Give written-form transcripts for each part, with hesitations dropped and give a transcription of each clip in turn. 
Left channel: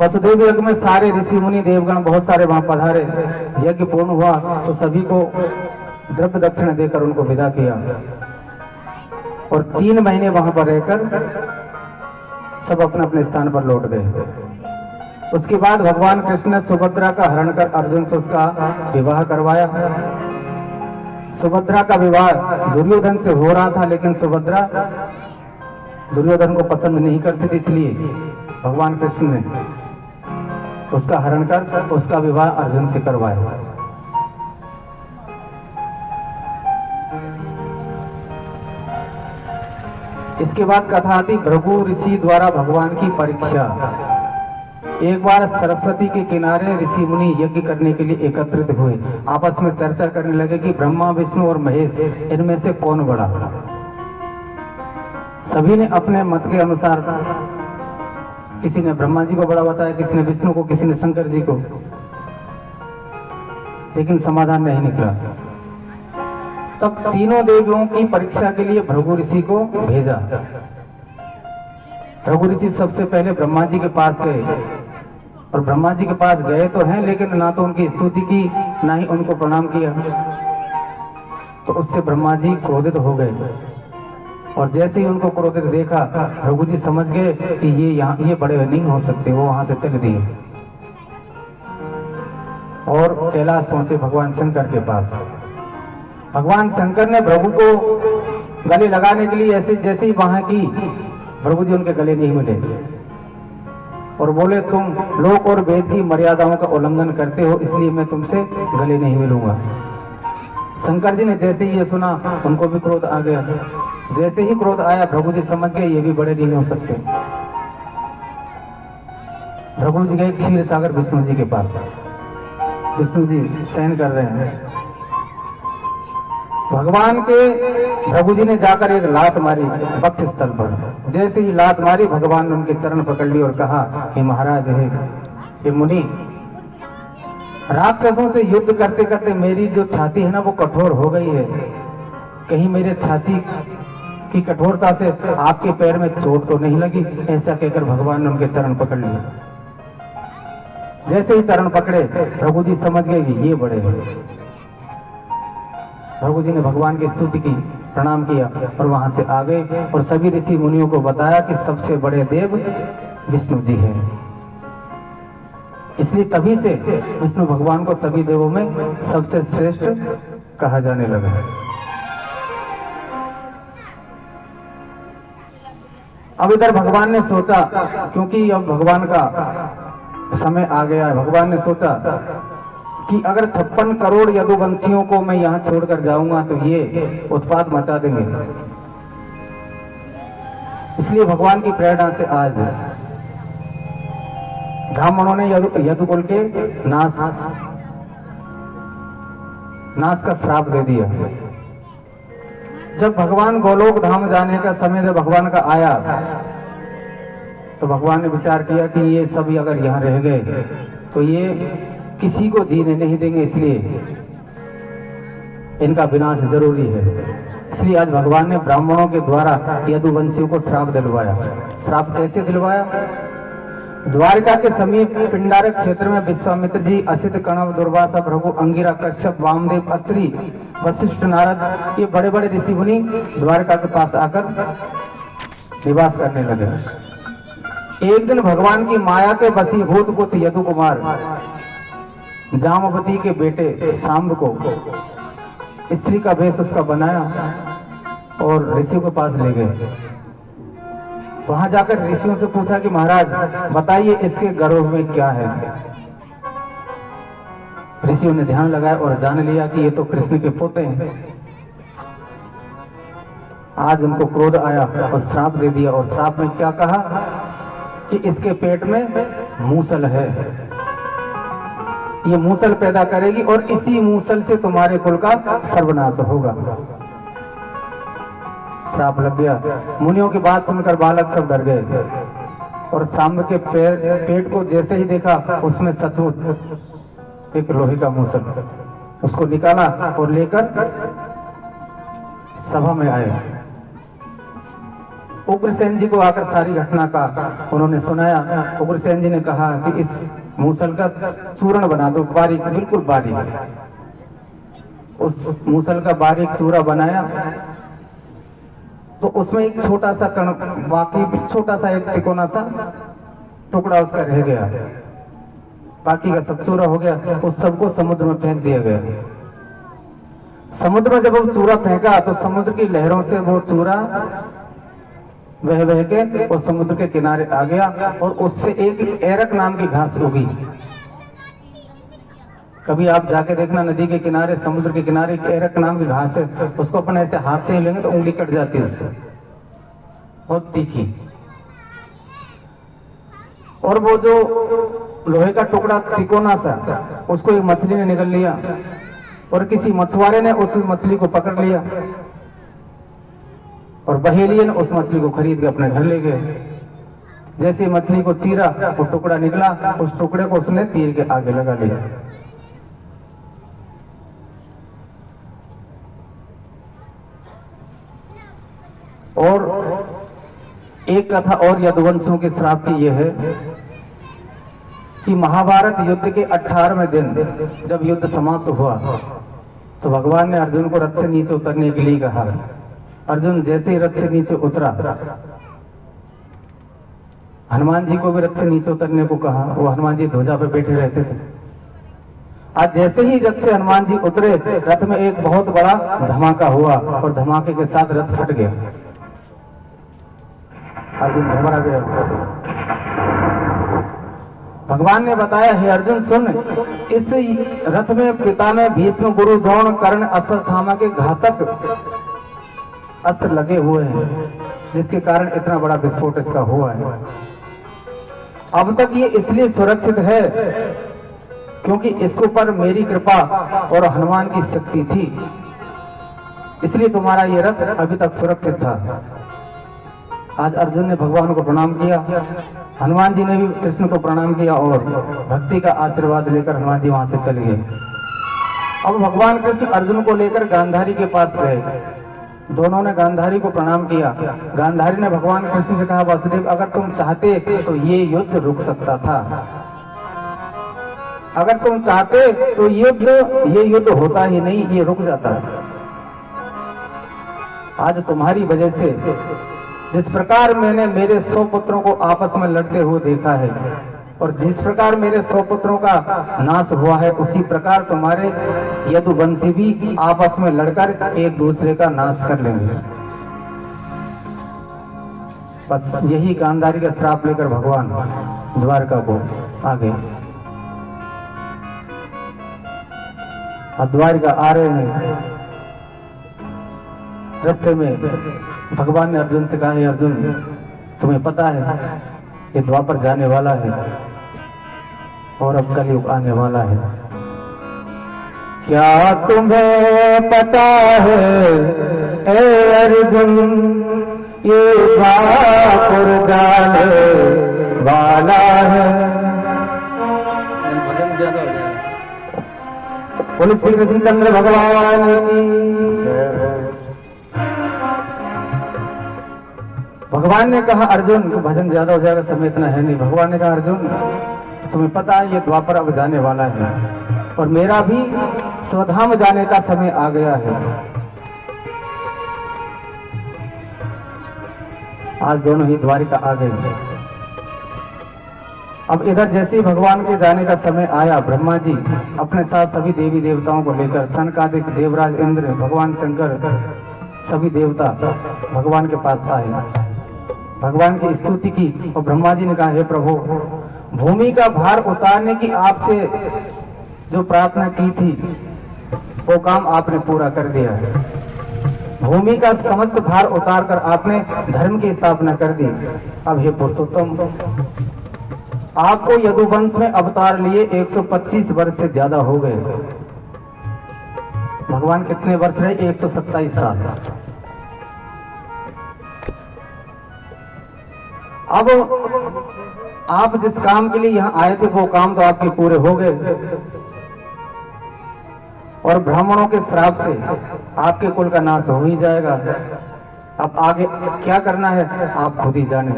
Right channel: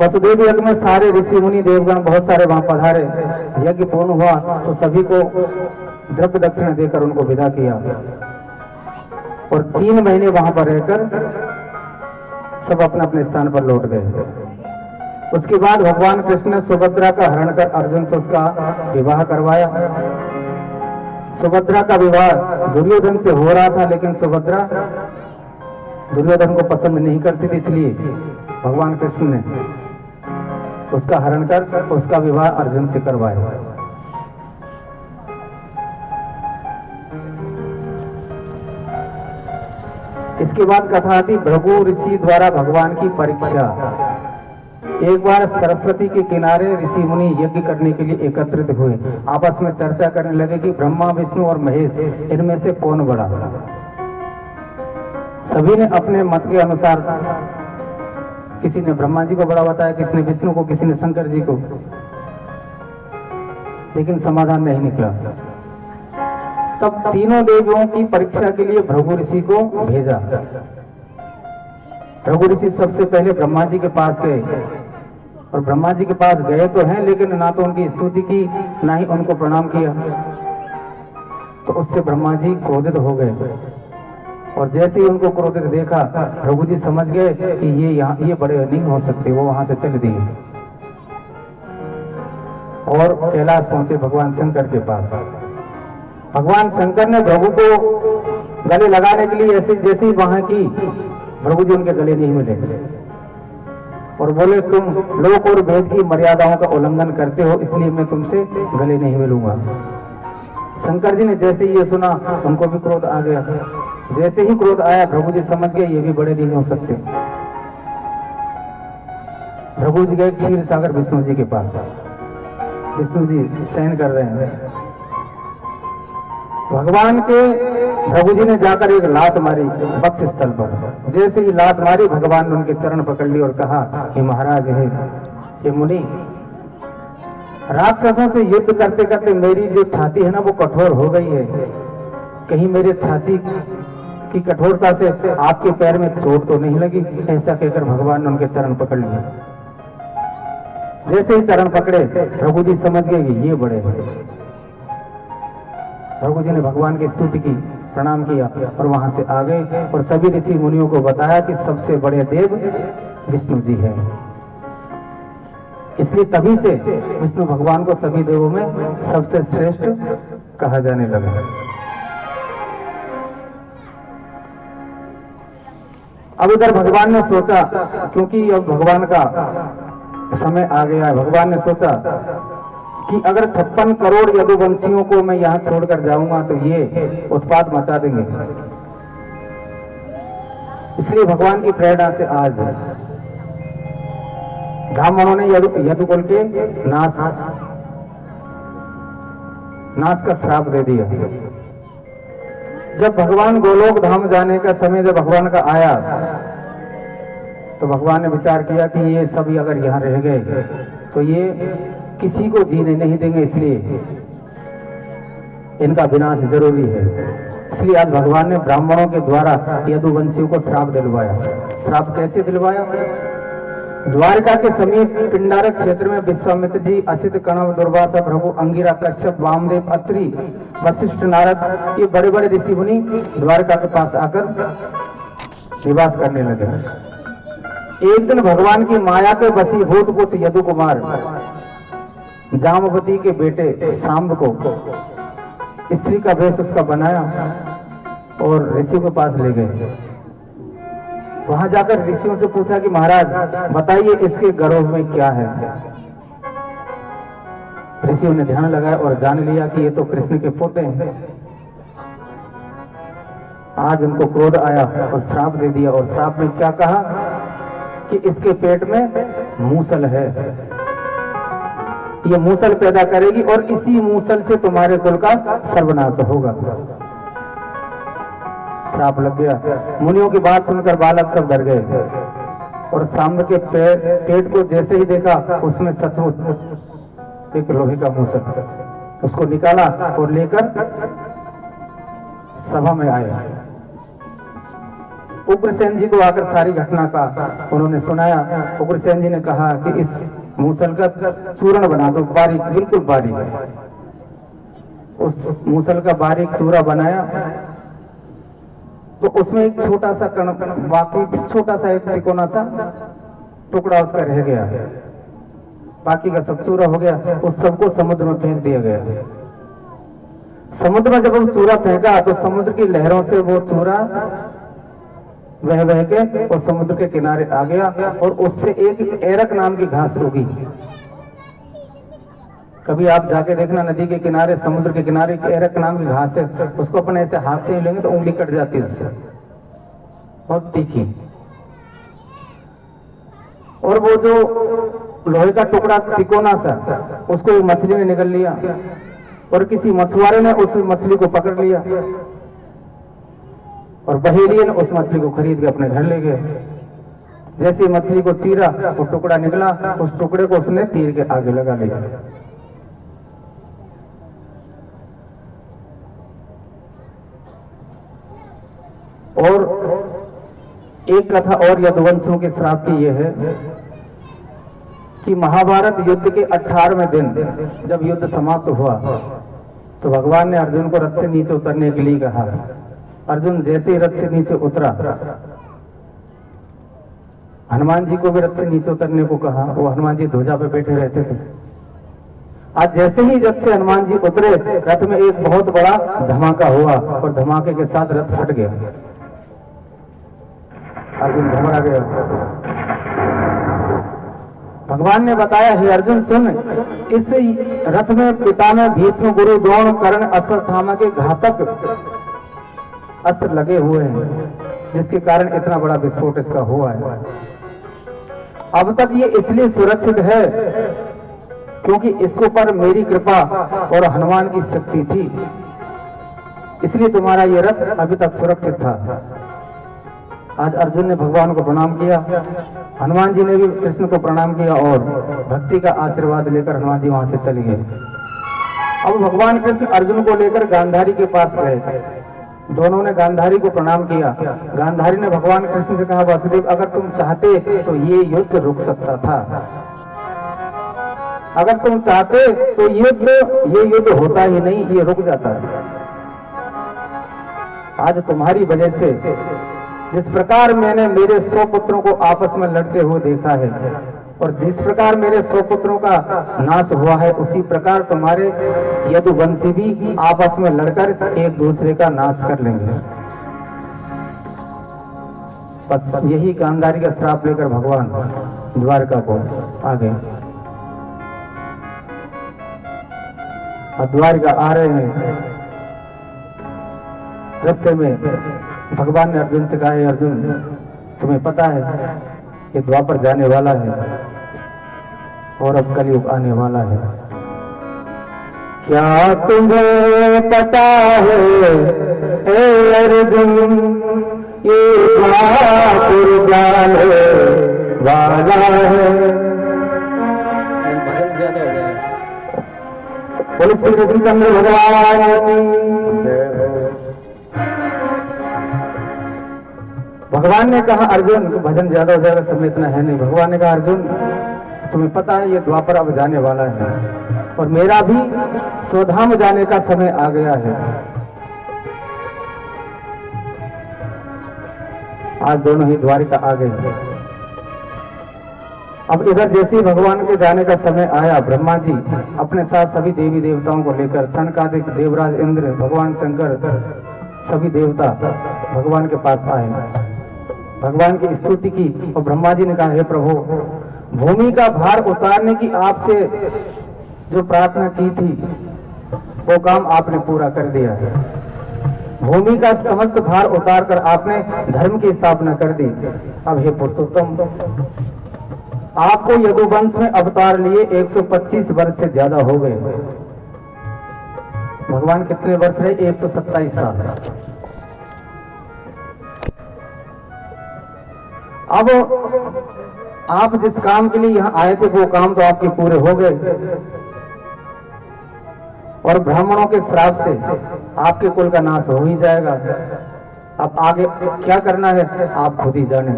वसुदेव यज्ञ में सारे ऋषि मुनि देवगण बहुत सारे वहां पधारे। यज्ञ पूर्ण हुआ तो सभी को द्रव्य दक्षिणा देकर उनको विदा किया और 3 महीने वहां पर रहकर सब अपने अपने स्थान पर लौट गए। उसके बाद भगवान कृष्ण ने सुभद्रा का हरण कर अर्जुन से उसका विवाह करवाया। सुभद्रा का विवाह दुर्योधन से हो रहा था, लेकिन सुभद्रा दुर्योधन को पसंद नहीं करती थी, इसलिए भगवान कृष्ण ने उसका हरण कर उसका विवाह अर्जुन से करवाया। इसके बाद कथा आती भृगु ऋषि द्वारा भगवान की परीक्षा। एक बार सरस्वती के किनारे ऋषि मुनि यज्ञ करने के लिए एकत्रित हुए। आपस में चर्चा करने लगे कि ब्रह्मा विष्णु और महेश इनमें से कौन बड़ा। सभी ने अपने मत के अनुसार, किसी ने ब्रह्मा जी को बड़ा बताया, किसी ने विष्णु को, किसी ने शंकर जी को, लेकिन समाधान नहीं निकला। तब तीनों देवियों की परीक्षा के लिए भृगु ऋषि को भेजा। भृगु ऋषि सबसे पहले ब्रह्मा जी के पास गए और ब्रह्मा जी के पास गए तो हैं, लेकिन ना तो उनकी स्तुति की ना ही उनको प्रणाम किया। तो उससे ब्रह्मा जी क्रोधित हो गए और जैसे ही उनको क्रोधित देखा भृगु जी समझ गए कि ये बड़े नहीं हो सकते। वो वहां से चल दिए और कैलाश पहुंचे भगवान शंकर के पास। भगवान शंकर ने भृगु को गले लगाने के लिए ऐसे जैसे ही वहां की, भृगु जी उनके गले नहीं मिले और बोले तुम लोक और वेद की मर्यादाओं का उल्लंघन करते हो, इसलिए मैं तुमसे गले नहीं मिलूंगा। शंकर जी ने जैसे ही ये सुना उनको भी क्रोध आ गया। जैसे ही क्रोध आया भृगु जी समझ गए ये भी बड़े नहीं हो सकते। भृगु जी गए क्षीर सागर विष्णु जी के पास। विष्णु जी शयन कर रहे हैं। भगवान के भृगु जी ने जाकर एक लात मारी वक्ष स्थल पर। जैसे ही लात मारी भगवान ने उनके चरण पकड़ लिए और कहा हे महाराज, हे मुनि, राक्षसों से युद्ध करते करते मेरी जो छाती है ना वो कठोर हो गई है। कहीं मेरे छाती की कठोरता से आपके पैर में चोट तो नहीं लगी? ऐसा कहकर भगवान ने उनके चरण पकड़ लिए। जैसे ही चरण पकड़े भृगु जी समझ गए कि ये बड़े हैं। भृगु जी ने भगवान की स्तुति की, प्रणाम किया और वहां से आ गए और सभी ऋषि मुनियों को बताया कि सबसे बड़े देव विष्णु जी हैं। इसलिए तभी से विष्णु भगवान को सभी देवों में सबसे श्रेष्ठ कहा जाने लगा। अब इधर भगवान ने सोचा, क्योंकि अब भगवान का समय आ गया है, भगवान ने सोचा कि अगर 56 करोड़ यदुवंशियों को मैं यहाँ छोड़कर जाऊंगा तो ये उत्पात मचा देंगे। इसलिए भगवान की प्रेरणा से आज ब्राह्मणों ने यदुकुल के नाश का श्राप दे दिया। जब भगवान गोलोक धाम जाने का समय जब भगवान का आया तो भगवान ने विचार किया कि ये सभी अगर यहाँ रह गए तो ये किसी को जीने नहीं देंगे, इसलिए इनका विनाश जरूरी है। इसलिए आज भगवान ने ब्राह्मणों के द्वारा यदुवंशियों को श्राप दिलवाया। श्राप कैसे दिलवाया? द्वारका के समीप पिंडारक क्षेत्र में विश्वामित्र जी, असित, कणव, दुर्वासा, भृगु, अंगिरा, कश्यप, वामदेव, अत्रि, वशिष्ठ, नारद, ये बड़े बड़े ऋषि मुनि द्वारका के पास आकर निवास करने लगे। एक दिन भगवान की माया के वशीभूत कुछ यदु कुमार जामवती के बेटे सांब को स्त्री का भेष उसका बनाया और ऋषि के पास ले गए। वहां जाकर ऋषियों से पूछा कि महाराज बताइए इसके गर्भ में क्या है। ऋषियों ने ध्यान लगाया और जान लिया कि ये तो कृष्ण के पोते हैं। आज उनको क्रोध आया और श्राप दे दिया। और श्राप में क्या कहा कि इसके पेट में मूसल है, ये मूसल पैदा करेगी और इसी मूसल से तुम्हारे कुल का सर्वनाश होगा। श्राप लग गया। मुनियों की बात सुनकर बालक सब डर गए और सांब के पेट को जैसे ही देखा उसमें सचमुच एक लोहे का मूसल, उसको निकाला और लेकर सभा में आए। उग्रसेन जी को आकर सारी घटना का उन्होंने सुनाया। उग्रसेन जी ने कहा कि इस मूसल का चूर्ण बना दो, बारीक, बिल्कुल बारीक। उस मूसल का बारीक चूरा बनाया तो उसमें एक छोटा सा कण, बाकी छोटा सा एक तिकोना सा टुकड़ा उसका रह गया, बाकी का सब चूरा हो गया। उस सबको समुद्र में फेंक दिया गया। समुद्र में जब वो चूरा फेंका तो समुद्र की लहरों से वो चूरा वह बह के और समुद्र के किनारे आ गया और उससे एक एरक नाम की घास उगी। कभी आप जाके देखना, नदी के किनारे, समुद्र के किनारे एक एरक नाम की घास है, उसको अपन ऐसे हाथ से ही लेंगे तो उंगली कट जाती है उससे, बहुत तीखी। और वो जो लोहे का टुकड़ा तिकोना सा, उसको एक मछली ने निगल लिया और किसी मछुआरे ने उस मछली को पकड़ लिया और बहेलिए ने उस मछली को खरीद के अपने घर ले गए। जैसे मछली को चीरा, वो टुकड़ा निकला, उस टुकड़े को उसने तीर के आगे लगा लिया। और एक कथा और यदुवंशियों के श्राप की यह है कि महाभारत युद्ध के 18वें दिन जब युद्ध समाप्त हुआ तो भगवान ने अर्जुन को रथ से नीचे उतरने के लिए कहा। अर्जुन जैसे ही रथ से नीचे उतरा, हनुमान जी को भी रथ से नीचे उतरने को कहा। वो हनुमान जी ध्वजा पे बैठे रहते थे। आज जैसे ही रथ से हनुमान जी उतरे, रथ में एक बहुत बड़ा धमाका हुआ और धमाके के साथ रथ फट गया। अर्जुन घबरा गया। भगवान ने बताया, हे अर्जुन सुन, इस रथ में पिता में भीष्म, गुरु, द्रोण, कर्ण, अश्वत्थामा के घातक अस्त्र लगे हुए हैं, जिसके कारण इतना बड़ा विस्फोट इसका हुआ है। अब तक ये इसलिए सुरक्षित है क्योंकि इसके ऊपर मेरी कृपा और हनुमान की शक्ति थी, इसलिए तुम्हारा ये रथ अभी तक सुरक्षित था। आज अर्जुन ने भगवान को प्रणाम किया, हनुमान जी ने भी कृष्ण को प्रणाम किया और भक्ति का आशीर्वाद लेकर हनुमान जी वहां से चले गए। अब भगवान कृष्ण अर्जुन को लेकर गांधारी के पास गए। दोनों ने गांधारी को प्रणाम किया। गांधारी ने भगवान कृष्ण से कहा, वासुदेव अगर तुम चाहते तो ये युद्ध रुक सकता था, अगर तुम चाहते तो ये युद्ध होता ही नहीं, ये रुक जाता। आज तुम्हारी वजह से जिस प्रकार मैंने मेरे 100 पुत्रों को आपस में लड़ते हुए देखा है और जिस प्रकार मेरे 100 पुत्रों का नाश हुआ है, उसी प्रकार तुम्हारे यदुवंशी भी आपस में लड़कर एक दूसरे का नाश कर लेंगे। बस यही गांधारी का श्राप लेकर भगवान द्वारका को आ गए। अब द्वारका आ रहे हैं, रास्ते में भगवान ने अर्जुन से कहा, है अर्जुन तुम्हें पता है ये द्वापर जाने वाला है और अब कलयुग आने वाला है। क्या तुम्हें पता है ए अर्जुन ये द्वापर जाने वाला है। भजन ज्यादा हो जाए। बोले श्री कृष्णचंद्र भगवान की। भगवान ने कहा, अर्जुन भजन ज्यादा हो जाएगा, समय इतना है नहीं। भगवान ने कहा, अर्जुन तुम्हें पता है ये द्वापर अब जाने वाला है और मेरा भी स्वधाम जाने का समय आ गया है। आज दोनों ही द्वारिका आ गए। अब इधर जैसे ही भगवान के जाने का समय आया, ब्रह्मा जी अपने साथ सभी देवी देवताओं को लेकर, सनकादिक, देवराज इंद्र, भगवान शंकर, सभी देवता भगवान के पास आए, भगवान की स्तुति की और ब्रह्मा जी ने कहा, हे प्रभु भूमि का भार उतारने की आपसे जो प्रार्थना की थी वो काम आपने पूरा कर दिया है। भूमि का समस्त भार उतार कर आपने धर्म की स्थापना कर दी। अब हे पुरुषोत्तम आपको यदुवंश में अवतार लिए 125 वर्ष से ज्यादा हो गए। भगवान कितने वर्ष रहे? 127 साल। अब आप जिस काम के लिए यहाँ आए थे वो काम तो आपके पूरे हो गए और ब्राह्मणों के श्राप से आपके कुल का नाश हो ही जाएगा। अब आगे क्या करना है आप खुद ही जाने।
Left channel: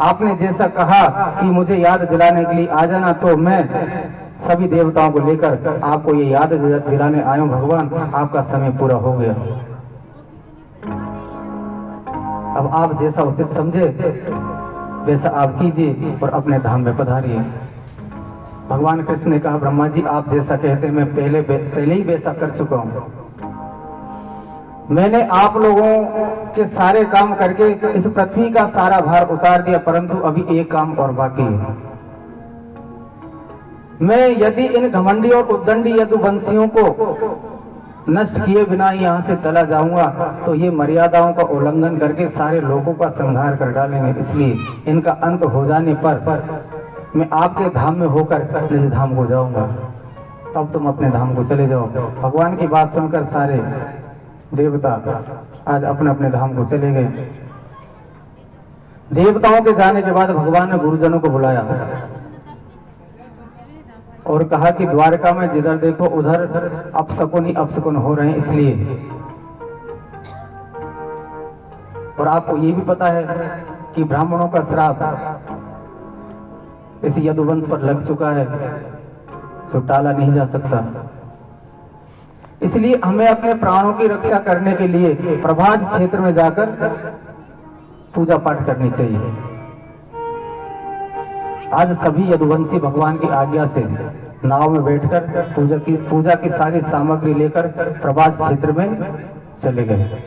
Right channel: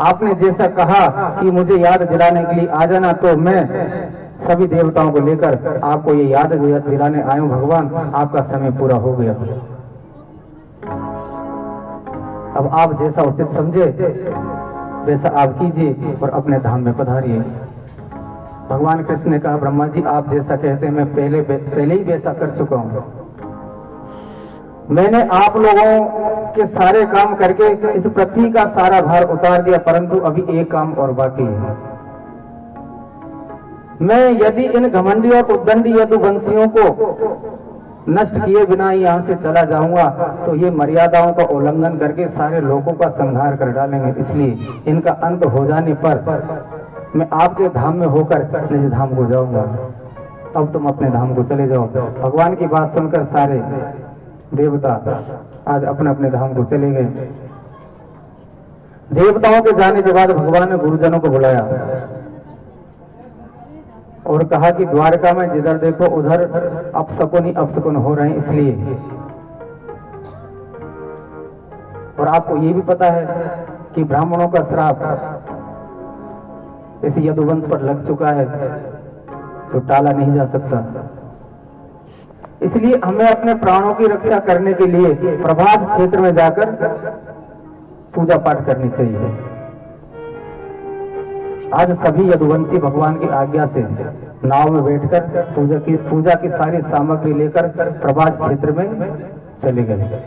आपने जैसा कहा कि मुझे याद दिलाने के लिए आ जाना, तो मैं सभी देवताओं को लेकर आपको ये याद दिलाने आया हूं। भगवान, आपका समय पूरा हो गया, अब आप जैसा उचित समझे वैसा आप कीजिए और अपने धाम में पधारिए। भगवान कृष्ण ने कहा, ब्रह्मा जी आप जैसा कहते हैं मैं पहले ही वैसा कर चुका हूं। मैंने आप लोगों के सारे काम करके इस पृथ्वी का सारा भार उतार दिया, परंतु अभी एक काम और बाकी है। मैं यदि इन घमंडी और उद्दंडी यदुवंशियों को नष्ट किए बिना यहाँ से चला जाऊंगा तो ये मर्यादाओं का उल्लंघन करके सारे लोगों का संहार कर डालेंगे। इसलिए इनका अंत हो जाने पर मैं आपके धाम में होकर निज धाम को जाऊंगा। अब तुम अपने धाम को चले जाओ। भगवान की बात सुनकर सारे देवता आज अपने अपने धाम को चले गए। देवताओं के जाने के बाद भगवान ने गुरुजनों को बुलाया और कहा कि द्वारका में जिधर देखो उधर अपशकुन ही अपशकुन हो रहे हैं, इसलिए। और आपको ये भी पता है कि ब्राह्मणों का श्राप इस यदुवंश पर लग चुका है, जो टाला नहीं जा सकता। इसलिए हमें अपने प्राणों की रक्षा करने के लिए प्रभास क्षेत्र में जाकर पूजा पाठ करनी चाहिए। आज सभी यदुवंशी भगवान की आज्ञा से नाव में बैठकर पूजा की सारी सामग्री लेकर प्रभास क्षेत्र में चले गए।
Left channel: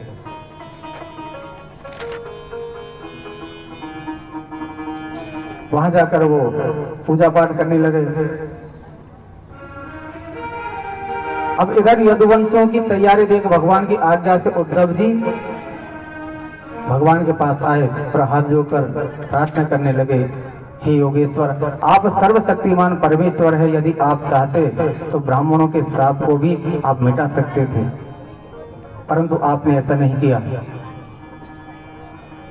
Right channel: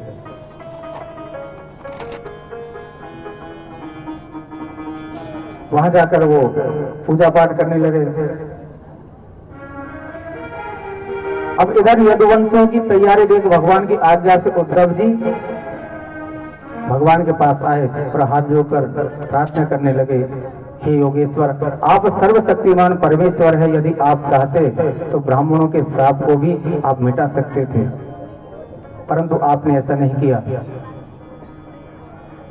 वहां जाकर वो पूजा पाठ करने लगे। अब इधर यदुवंशियों की तैयारी देख भगवान की आज्ञा से उद्धव जी भगवान के पास आए और हाथ जोड़कर प्रार्थना करने लगे, हे योगेश्वर, आप सर्वशक्तिमान परमेश्वर है। यदि आप चाहते तो ब्राह्मणों के श्राप को भी आप मिटा सकते थे, परंतु आपने ऐसा नहीं किया।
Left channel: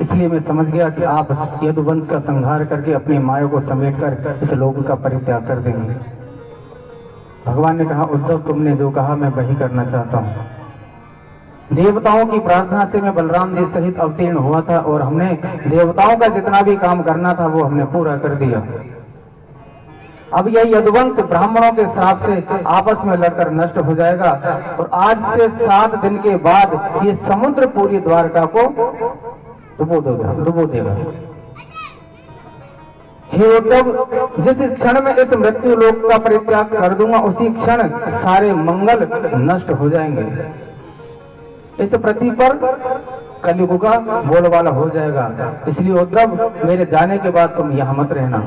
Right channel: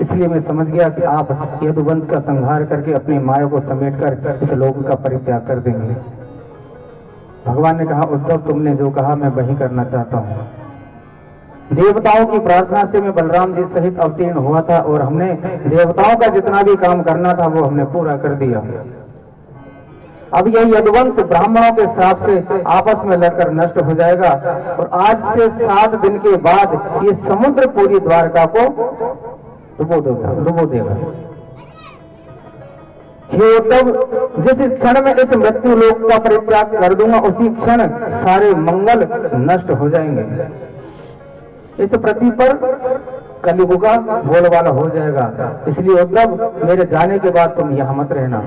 इसलिए मैं समझ गया कि आप यदुवंश का संहार करके अपनी माया को समेटकर इस लोक का परित्याग कर देंगे। भगवान ने कहा, उद्धव तुमने जो कहा मैं वही करना चाहता हूँ। देवताओं की प्रार्थना से मैं बलराम जी सहित अवतीर्ण हुआ था और हमने देवताओं का जितना भी काम करना था वो हमने पूरा कर दिया। अब यह यदुवंश ब्राह्मणों के श्राप से आपस में लड़कर नष्ट हो जाएगा और आज से 7 दिन के बाद ये समुद्र पूरी द्वारका को डुबो देगा। हे उद्धव, जिस क्षण में इस मृत्यु लोक का परित्याग कर दूंगा उसी क्षण सारे मंगल नष्ट हो जाएंगे। इस पृथ्वी पर कलयुग का बोलबाला हो जाएगा। इसलिए उद्धव, मेरे जाने के बाद तुम यहां मत रहना।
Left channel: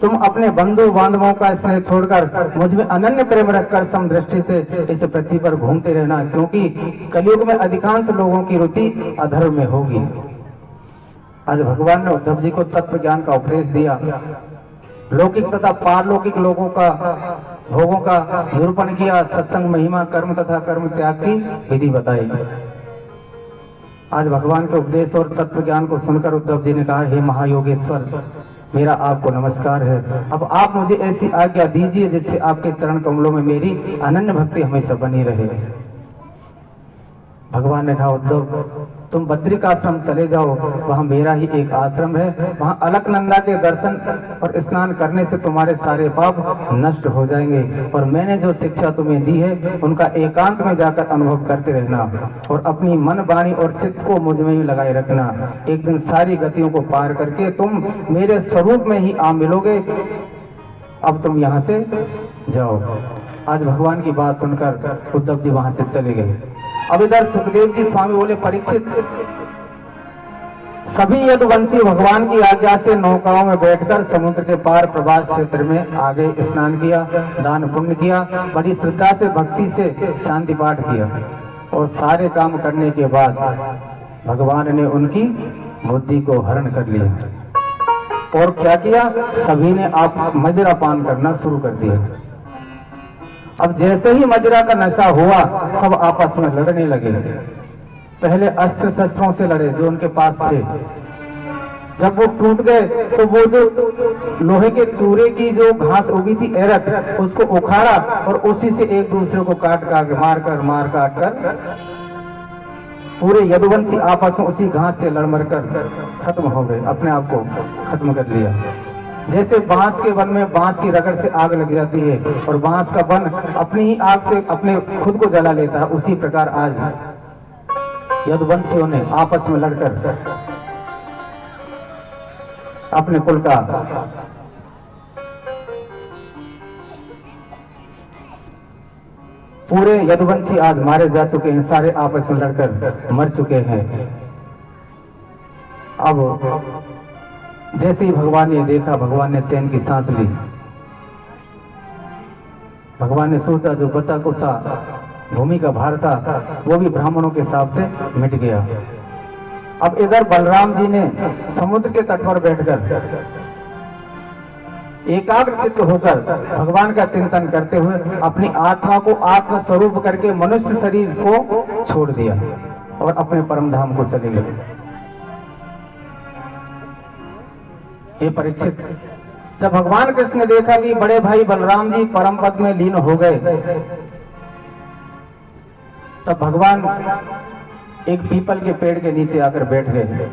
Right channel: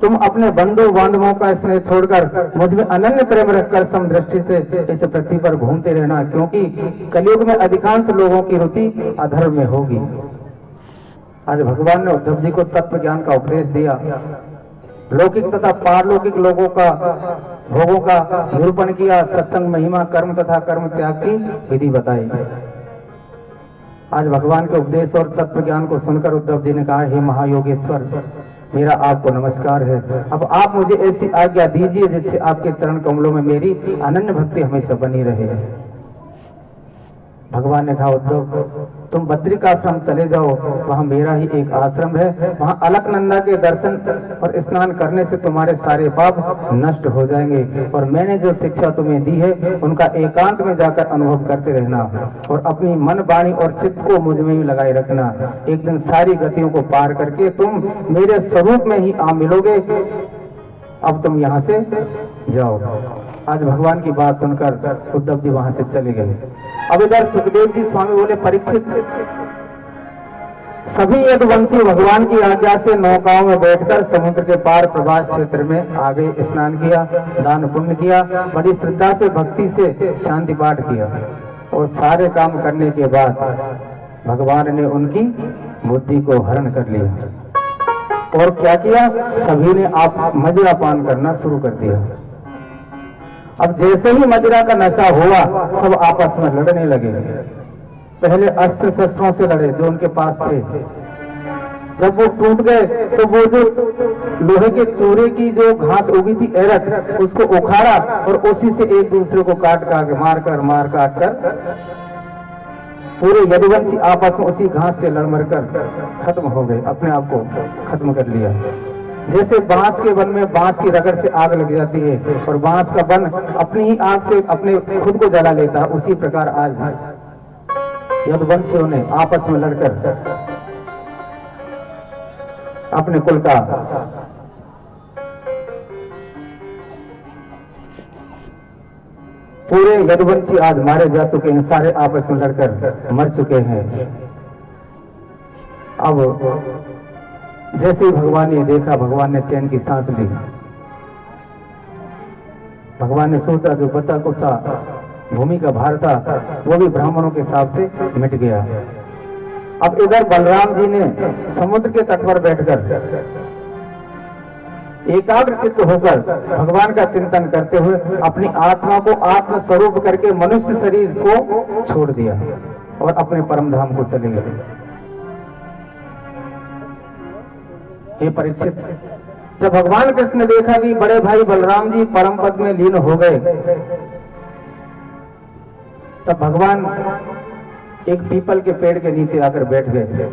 तुम अपने बंधु बांधवों का स्नेह छोड़कर मुझ में अनन्य प्रेम रखकर समदृष्टि से इस पृथ्वी पर घूमते रहना, क्योंकि कलयुग में अधिकांश लोगों की रुचि अधर्म में होगी। आज भगवान ने उद्धव जी को तत्व ज्ञान का उपदेश दिया, लौकिक तथा पारलौकिक लोगों का भोगों का निरूपण किया, सत्संग महिमा, कर्म तथा कर्म त्याग की विधि बताई। आज भगवान के उपदेश और तत्व ज्ञान को सुनकर उद्धव जी ने कहा, हे महायोगेश्वर, मेरा आपको नमस्कार है। अब आप मुझे ऐसी आज्ञा दीजिए जिससे आपके चरण कमलों में मेरी अनन्य भक्ति हमेशा बनी रहे। भगवान ने कहा, उद्धव तुम बद्रिकाश्रम चले जाओ, वहां मेरा ही एक आश्रम है। वहां अलकनंदा के दर्शन और स्नान करने से तुम्हारे सारे पाप नष्ट हो जाएंगे और मैंने जो शिक्षा तुम्हें दी है उनका एकांत में जाकर अनुभव करते रहना और अपनी मन, वाणी और चित्त को मुझ में ही लगाए रखना। एक दिन सारी गतियों को पार करके तुम मेरे स्वरूप में ही आ मिलोगे। अब तुम यहाँ से जाओ। आज भगवान की बात सुनकर उद्धव जी वहां से चले गए। अब इधर सुखदेव जी स्वामी बोले, परीक्षित, सभी यदुवंशी भगवान की आज्ञा से नौकाओं में बैठकर समुद्र के पार प्रभास क्षेत्र में आगे स्नान किया, दान पुण्य किया, बड़ी श्रद्धा से भक्ति से शांति पाठ किया और सारे काम करने के बाद भगवान ने उनकी बुद्धि को हरण कर लिया। और क्या किया, सभी ने आप मदिरा पान करना शुरू कर दिया। अब जैसे ही मदिरा का नशा हुआ सब आपस में लड़ने लगे। पहले अस्त्र शस्त्रों से लड़े जो उनके पास थे। जब वो टूट गए तो वो जो लोहे के चूरे की जो घास उगी थी एरट, उसको उखाड़ा और उसी से एक दूसरे को काट काट मार काट कर पूरे यदुवंशी आपस में उसी घास से लड़ कर खत्म हो गए, अपने आप को खत्म कर लिया। जैसे बांस के वन में बांस की रगड़ से आग लग जाती है और बांस का वन अपनी ही आग से अपने खुद को जला लेता है, उसी प्रकार आज यदुवंशियों ने आपस में लड़कर अपने कुल का पूरे यदुवंशी आज मारे जा चुके हैं, सारे आपस में लड़कर मर चुके हैं। अब जैसे ही भगवान ने देखा, भगवान ने चैन की सांस ली। भगवान ने सोचा जो बचा कुचा भूमि का भार था वो भी ब्राह्मणों के हिसाब से मिट गया। अब इधर बलराम जी ने समुद्र के तट पर बैठकर एकाग्र चित्त होकर भगवान का चिंतन करते हुए अपनी आत्मा को आत्म स्वरूप करके मनुष्य शरीर को छोड़ दिया और अपने परम धाम को चले गए। हे परीक्षित, जब भगवान कृष्ण ने देखा कि बड़े भाई बलराम जी परम पद में लीन हो गए, तब भगवान एक पीपल के पेड़ के नीचे आकर बैठ गए,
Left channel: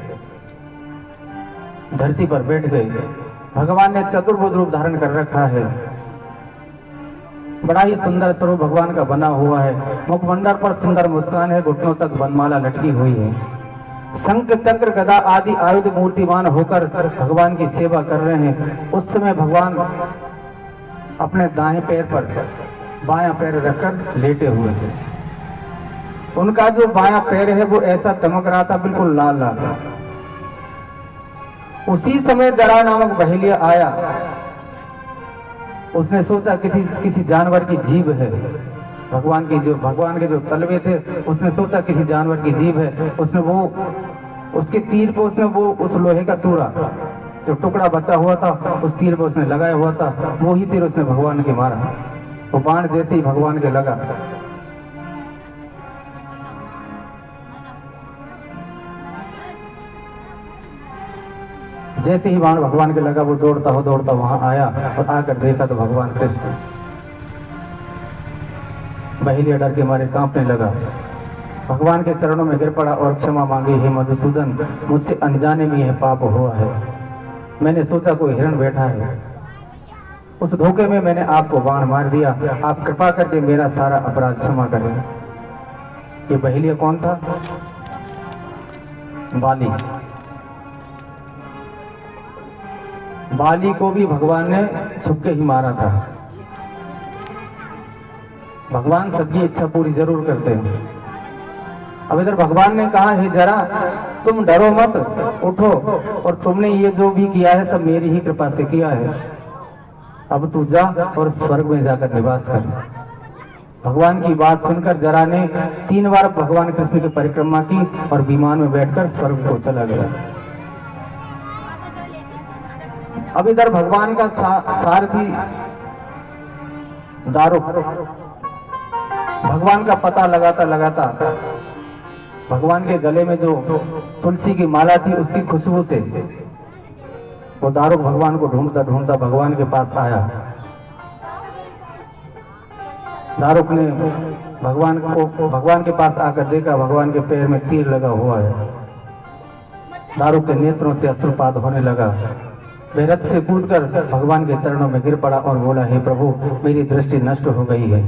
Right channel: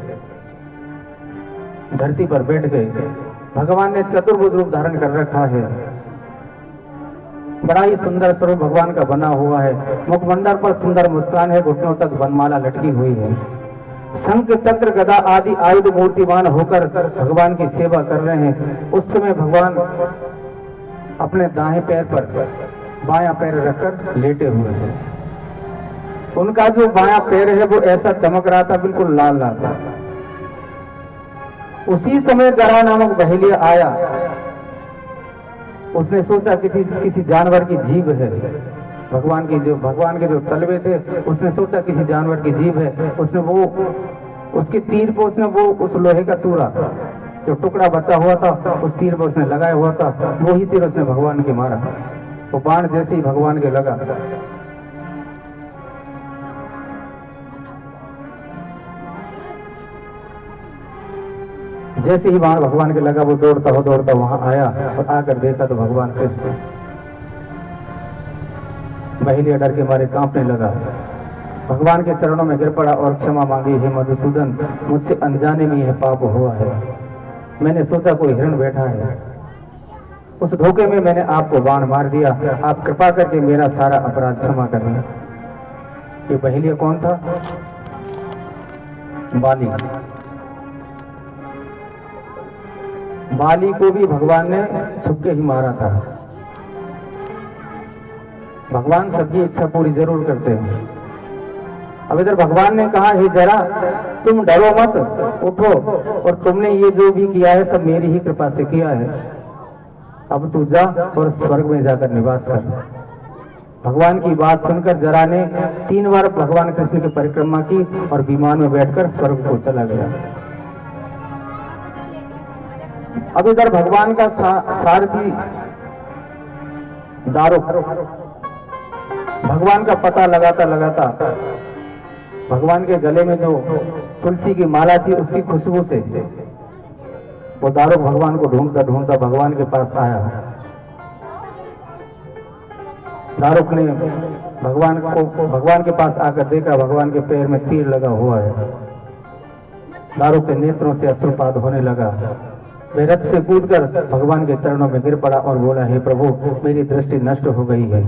धरती पर बैठ गए। भगवान ने चतुर्भुज रूप धारण कर रखा है, बड़ा ही सुंदर स्वरूप भगवान का बना हुआ है। मुखमंडल पर सुंदर मुस्कान है, घुटनों तक वनमाला लटकी हुई है। शंख चक्र गदा आदि आयुध मूर्तिमान होकर भगवान की सेवा कर रहे हैं। उस समय भगवान अपने दाएं पैर पर बायां पैर रखकर लेटे हुए थे। उनका जो बायां पैर है वो ऐसा चमक रहा था, बिल्कुल लाल लाल था। उसी समय जरा नामक बहेलिया आया। उसने सोचा किसी जानवर की जीभ है। भगवान के जो तलवे थे, उसने सोचा किसी जानवर की जीभ है। उसने वो उसके तीर पे उसने वो उस लोहे का चूरा जो टुकड़ा बचा हुआ था उस तीर पे उसने लगाया हुआ था, वही तीर उसने भगवान के मारा। वो बाण जैसे ही भगवान के लगा, जैसे ही बाण भगवान के लगा, वो दौड़ता वहां आया और आकर देखा तो भगवान कृष्ण। बहेलिया डर के मारे कांपने लगा, भगवान के चरणों में गिर पड़ा और क्षमा मांगी। हे मधुसूदन, मुझसे अनजाने में यह पाप हुआ है। मैंने सोचा कोई हिरण बैठा है, उस धोखे में मैंने आपको बाण मार दिया। आप कृपा करके मेरा सारा अपराध क्षमा करें। ये बहेलिया कौन था? बाली को भी भगवान ने छुपके ही मारा था। भगवान सबकी इच्छा पूरी जरूर करते हैं। अब इधर भगवान ने कहा, हे जरा तुम डरो मत, उठो, और तुमने ये जो भी किया है सब मेरी ही कृपा से किया है। अब तू जा और स्वर्ग में जाकर निवास कर। भगवान की बात सुनकर जरा ने 3 बार भगवान कृष्ण की परिक्रमा की और विमान में बैठकर स्वर्ग को चला गया। अब इधर भगवान का सारथी दारुक भगवान का पता लगाता भगवान के गले में जो तुलसी की माला थी उसकी खुशबू से वो दारुक भगवान को ढूंढता भगवान के पास आया। दारुक ने भगवान के पास आकर देखा, भगवान के पैर में तीर लगा हुआ है। दारुक के नेत्रों से अश्रुपात होने लगा। वह रथ से कूदकर भगवान के चरणों में गिर पड़ा और बोला, हे प्रभु, मेरी दृष्टि नष्ट हो गई है।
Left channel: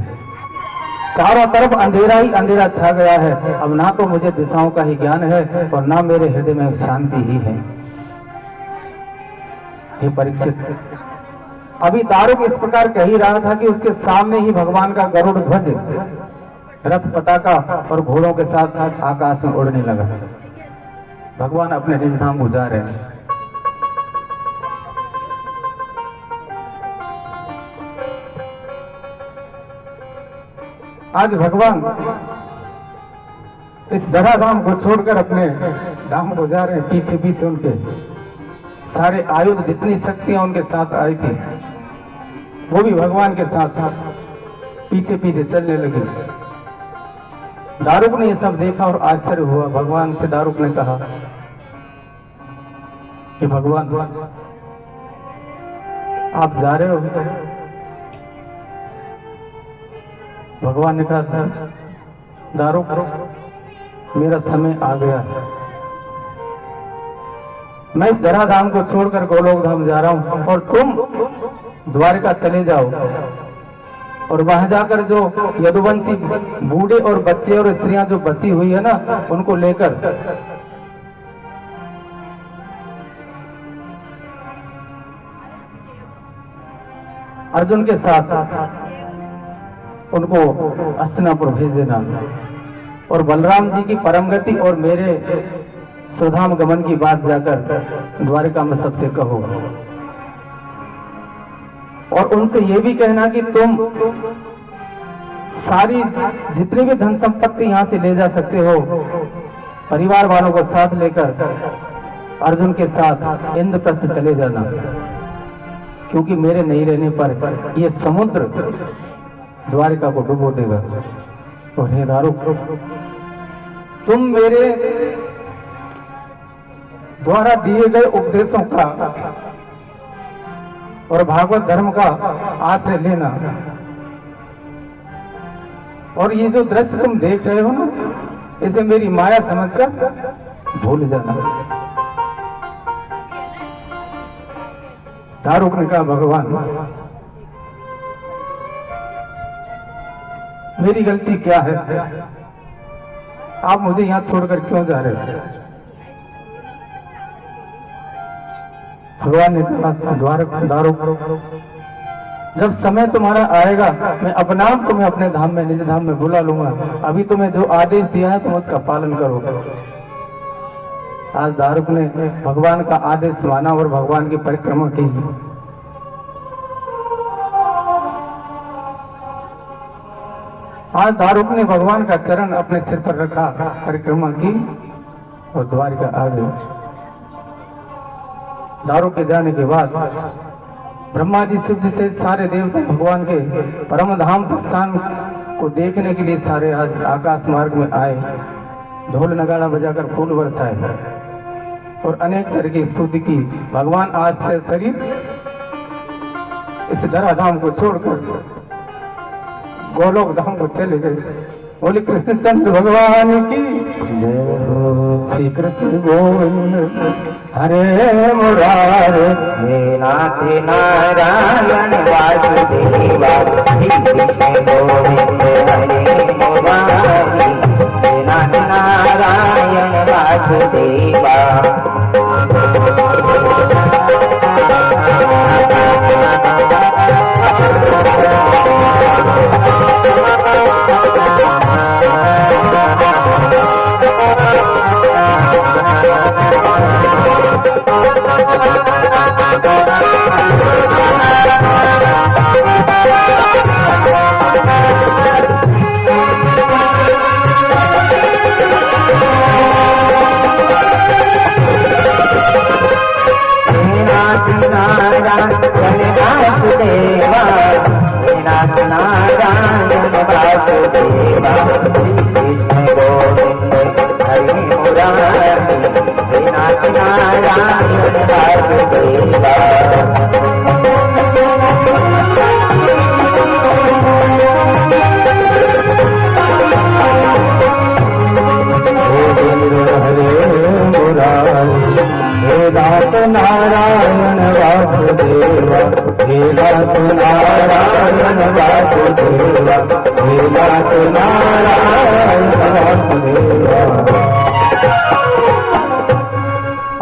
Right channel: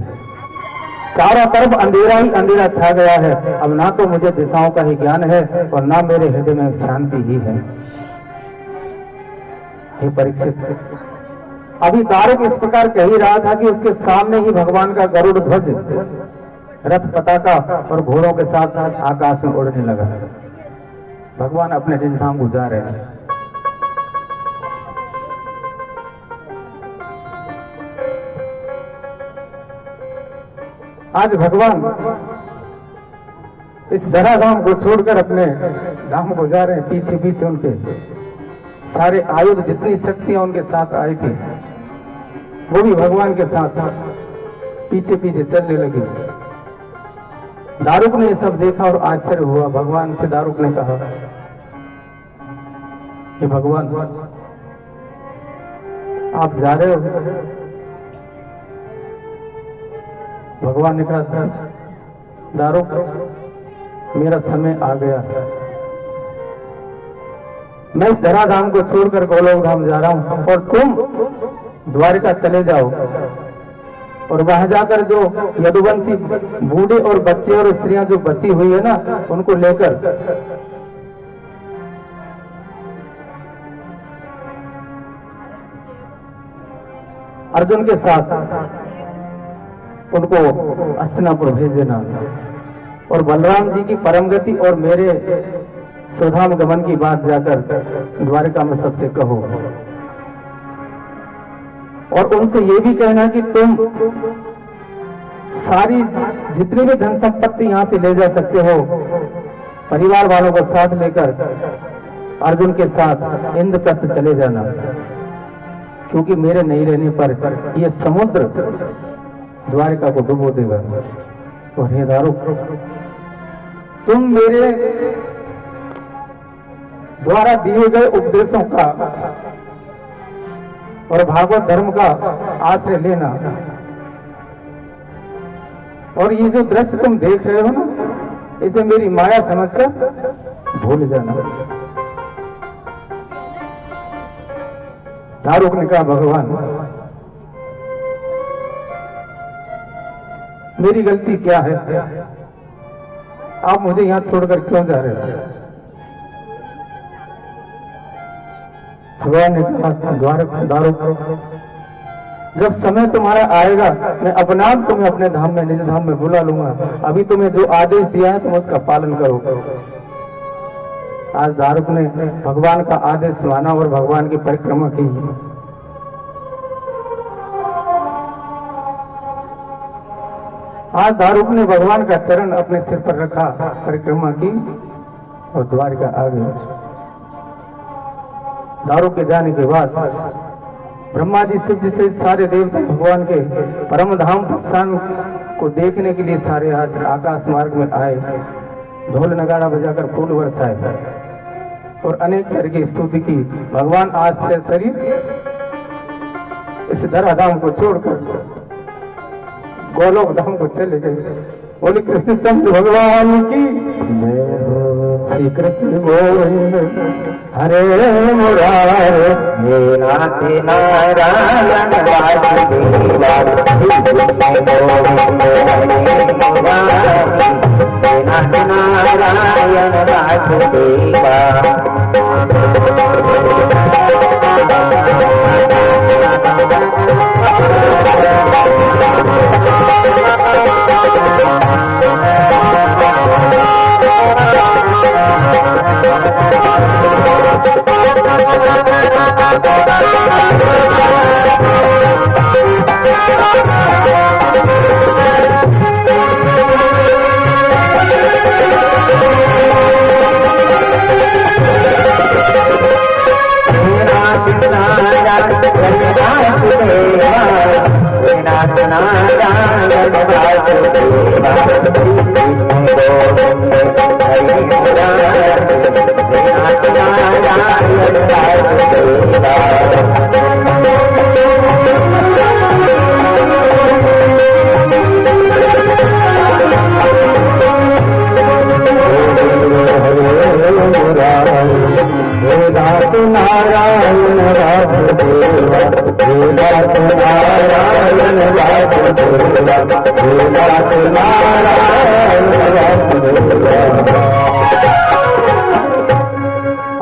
चारों तरफ अंधेरा ही अंधेरा छा गया है। अब ना तो मुझे दिशाओं का ही ज्ञान है और ना मेरे हृदय में शांति ही है। हे परीक्षित, अभी दारुक इस प्रकार कह ही रहा था कि उसके सामने ही भगवान का गरुड़ ध्वज रथ पताका और घोड़ों के साथ आकाश में उड़ने लगा। भगवान अपने निज धाम को जा रहे हैं। आज भगवान इस जरा धाम को छोड़कर अपने धाम को जा रहे हैं। पीछे उनके सारे आयुध, जितनी शक्तियां उनके साथ आई थी वो भी भगवान के साथ पीछे चलने लगी। दारुक ने ये सब देखा और आश्चर्य हुआ। भगवान से दारुक ने कहा कि भगवान, आप जा रहे हो? भगवान ने कहा, दारुक, मेरा समय आ गया, मैं इस धराधाम को छोड़कर गोलोक धाम जा रहा हूं और तुम द्वारका चले जाओ और वहां जाकर जो यदुवंशी बूढ़े और बच्चे और स्त्रियां जो बची हुई है ना, उनको लेकर अर्जुन के साथ उनको हस्तिनापुर भेज देना और बलराम जी की परम गति और मेरे स्वधाम गमन की बात जाकर द्वारका में सबसे कहो और उनसे ये भी कहना कि तुम सारी जितनी भी धन संपत्ति यहाँ से ले जा सकते हो, परिवार वालों को साथ लेकर अर्जुन के साथ इंद्रप्रस्थ चले जाना, क्योंकि मेरे नहीं रहने पर यह समुद्र द्वारका को डुबो देगा। और हे दारुक, तुम मेरे द्वारा दिए गए उपदेशों का और भागवत धर्म का आश्रय लेना, और ये जो दृश्य तुम देख रहे हो ना, इसे मेरी माया समझकर भूल जाना। दारुक ने कहा, भगवान मेरी गलती क्या है, आप मुझे यहां छोड़कर क्यों जा रहे हो? भगवान ने कहा, दारुक जब समय तुम्हारा आएगा मैं अपने आप तुम्हें अपने धाम में, निज धाम में बुला लूंगा। अभी तुम्हें जो आदेश दिया है तुम उसका पालन करो। आज दारुक ने भगवान का आदेश माना और भगवान की परिक्रमा की। आज दारुक ने भगवान का चरण अपने सिर पर रखा, परिक्रमा की और द्वारका आ गए। दारुक के जाने के बाद ब्रह्मा जी, शिव जी से सारे देवता भगवान के परम धाम स्थान को देखने के लिए सारे आज आकाश मार्ग में आए, ढोल नगाड़ा बजाकर फूल बरसाए और अनेक तरह की स्तुति की। भगवान आज से शरीर इस धराधाम को छोड़कर गोलोक धाम को चले गए। बोले कृष्णचंद्र भगवान की जय हो। श्री कृष्ण गोविंद हरे मुरारे, हे नाथ नारायण वासुदेवा, कृष्ण गोविंद हरे मुरारे, हे नाथ नारायण वासुदेवा।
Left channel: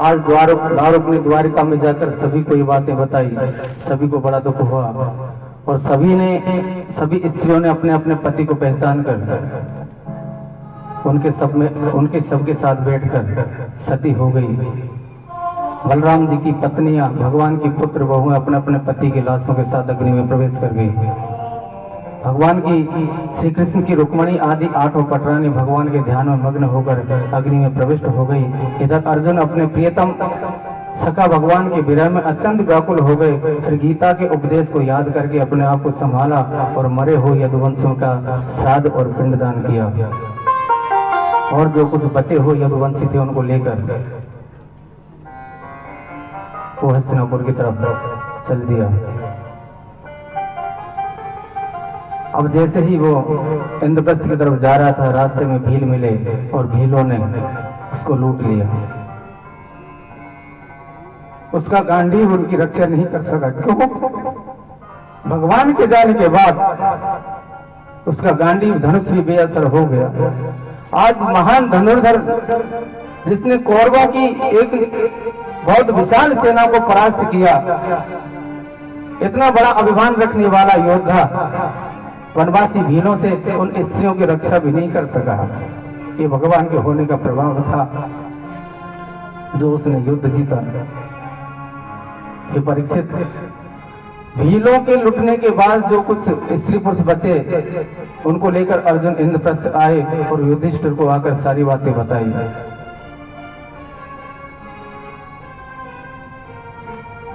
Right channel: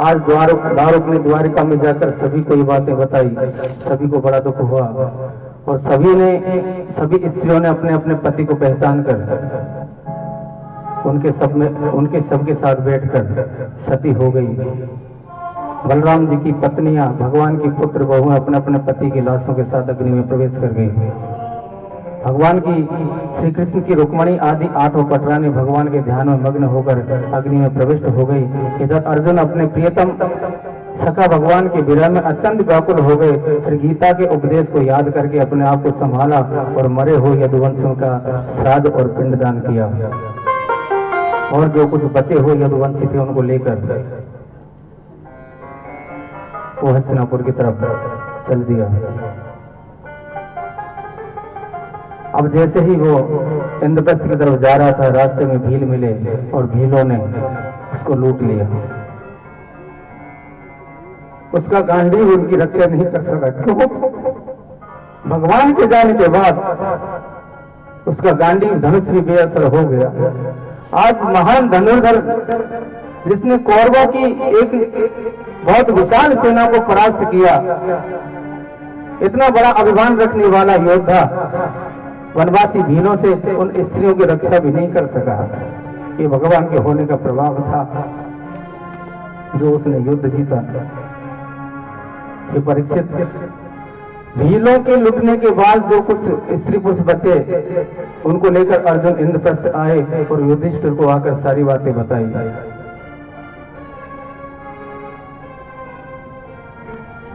आज दारुक ने द्वारिका में जाकर सभी को ये बातें बताई। सभी को बड़ा दुख हुआ और सभी स्त्रियों ने अपने अपने पति को पहचान कर उनके सबके साथ बैठकर सती हो गई। बलराम जी की पत्नियां, भगवान की पुत्र बहुएं अपने अपने पति की लाशों के साथ अग्नि में प्रवेश कर गई। भगवान की, श्री कृष्ण की रुक्मणी आदि 8 पटरानी भगवान के ध्यान में मग्न होकर अग्नि में प्रविष्ट हो गई। इधर अर्जुन अपने प्रियतम सखा भगवान के विरह में अत्यंत व्याकुल हो गए। फिर गीता के उपदेश को याद करके अपने आप को संभाला और मरे हुए यदुवंशियों का श्राद्ध और पिंडदान किया और जो कुछ बचे हुए यदुवंशी थे उनको लेकर वो हस्तिनापुर की तरफ चल दिया। अब जैसे ही वो इंद्रप्रस्थ की तरफ जा रहा था, रास्ते में भील मिले और भीलों ने उसको लूट लिया। उसका गांडीव उनकी रक्षा नहीं कर सका। क्यों? भगवान के जाने के बाद उसका गांडीव धनुष भी बेअसर हो गया। आज महान धनुर्धर जिसने कौरवों की एक बहुत विशाल सेना को परास्त किया, इतना बड़ा अभिमान रखने वाला योद्धा वनवासी भीलों से उन स्त्रियों की रक्षा भी नहीं कर सका। ये भगवान के होने का प्रभाव था जो उसने युद्ध जीता। ये परीक्षित भीलों के लुटने के बाद जो कुछ स्त्री पुरुष बचे, उनको लेकर अर्जुन इंद्रप्रस्थ आए और युधिष्ठिर को आकर सारी बातें बताई।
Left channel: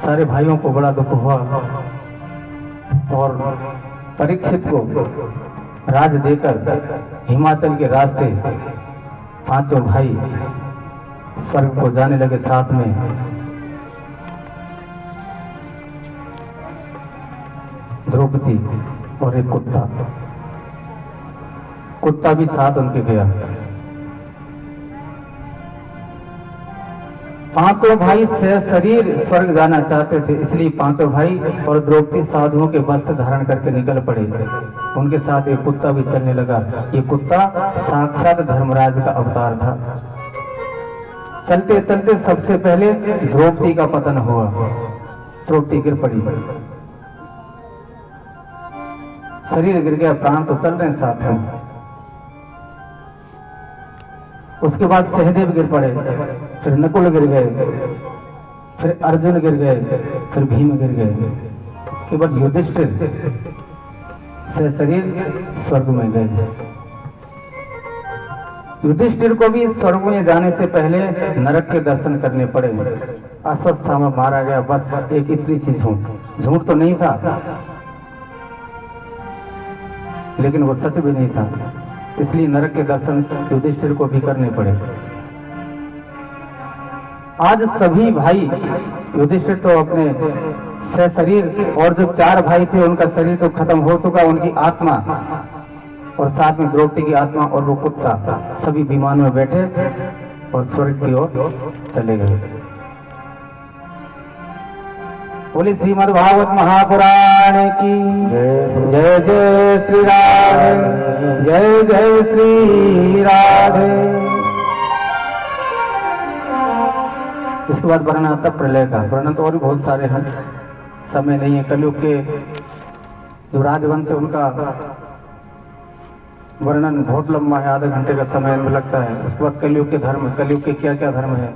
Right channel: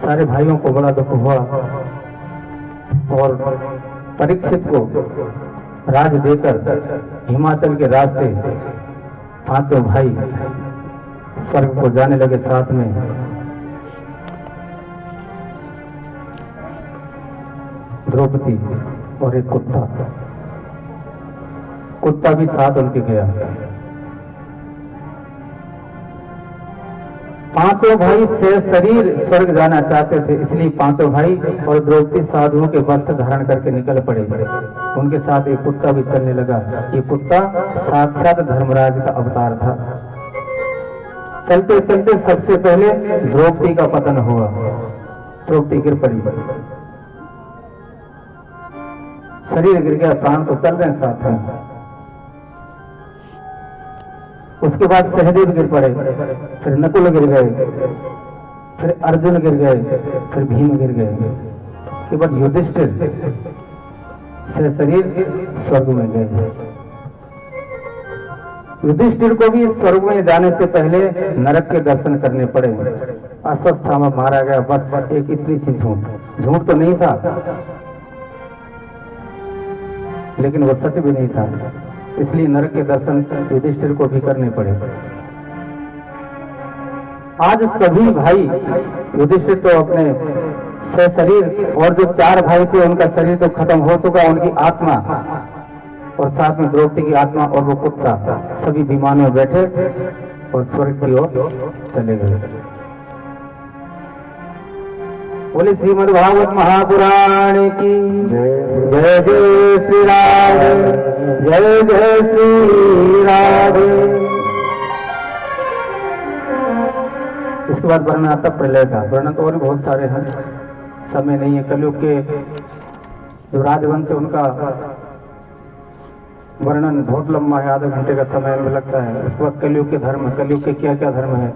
सारे भाइयों को बड़ा दुख हुआ और परीक्षित को राज देकर हिमाचल के रास्ते पांचों भाई स्वर्ग को जाने लगे साथ में। द्रौपदी और एक कुत्ता भी साथ उनके गया। पांचों भाई सशरीर स्वर्ग जाना चाहते थे, इसलिए पांचों भाई और द्रौपदी साधुओं के वस्त्र धारण करके निकल पड़े। उनके साथ एक कुत्ता भी चलने लगा। ये कुत्ता साक्षात धर्मराज का अवतार था। चलते चलते सबसे पहले द्रौपदी का पतन हुआ। द्रौपदी गिर पड़ी, शरीर गिर गया, प्राण तो चल रहे हैं साथ में। उसके बाद सहदेव गिर पड़े, फिर नकुल गिर गए, फिर अर्जुन गिर गए, फिर भीम गिर गए। केवल युधिष्ठिर सशरीर स्वर्ग में गए। युधिष्ठिर को भी स्वर्ग में जाने से पहले नरक के दर्शन करने पड़े। अस्वस्थता में मारा गया। बस एक इतनी सी झूठ तो नहीं था, लेकिन वो सच भी नहीं था, इसलिए नरक के दर्शन युधिष्ठिर को भी करने पड़े। आज सभी भाई, युधिष्ठिर तो अपने सशरीर और जो 4 भाई थे उनका शरीर तो खत्म हो चुका, उनकी आत्मा और साथ में द्रौपदी की आत्मा और वो कुत्ता सभी विमानों में बैठे और स्वर्ग की ओर चले गए। बोले श्रीमद् भागवत महापुराण की जय। जय श्री राधे, जय जय श्री राधे। इसके बाद वर्णन आता प्रलय का। वर्णन तो और भी बहुत सारे हैं, समय नहीं है। कलयुग के जो राजवंश है उनका वर्णन बहुत लंबा है, आधे घंटे का समय में लगता है। उसके बाद कलयुग के धर्म, कलयुग के क्या क्या धर्म है।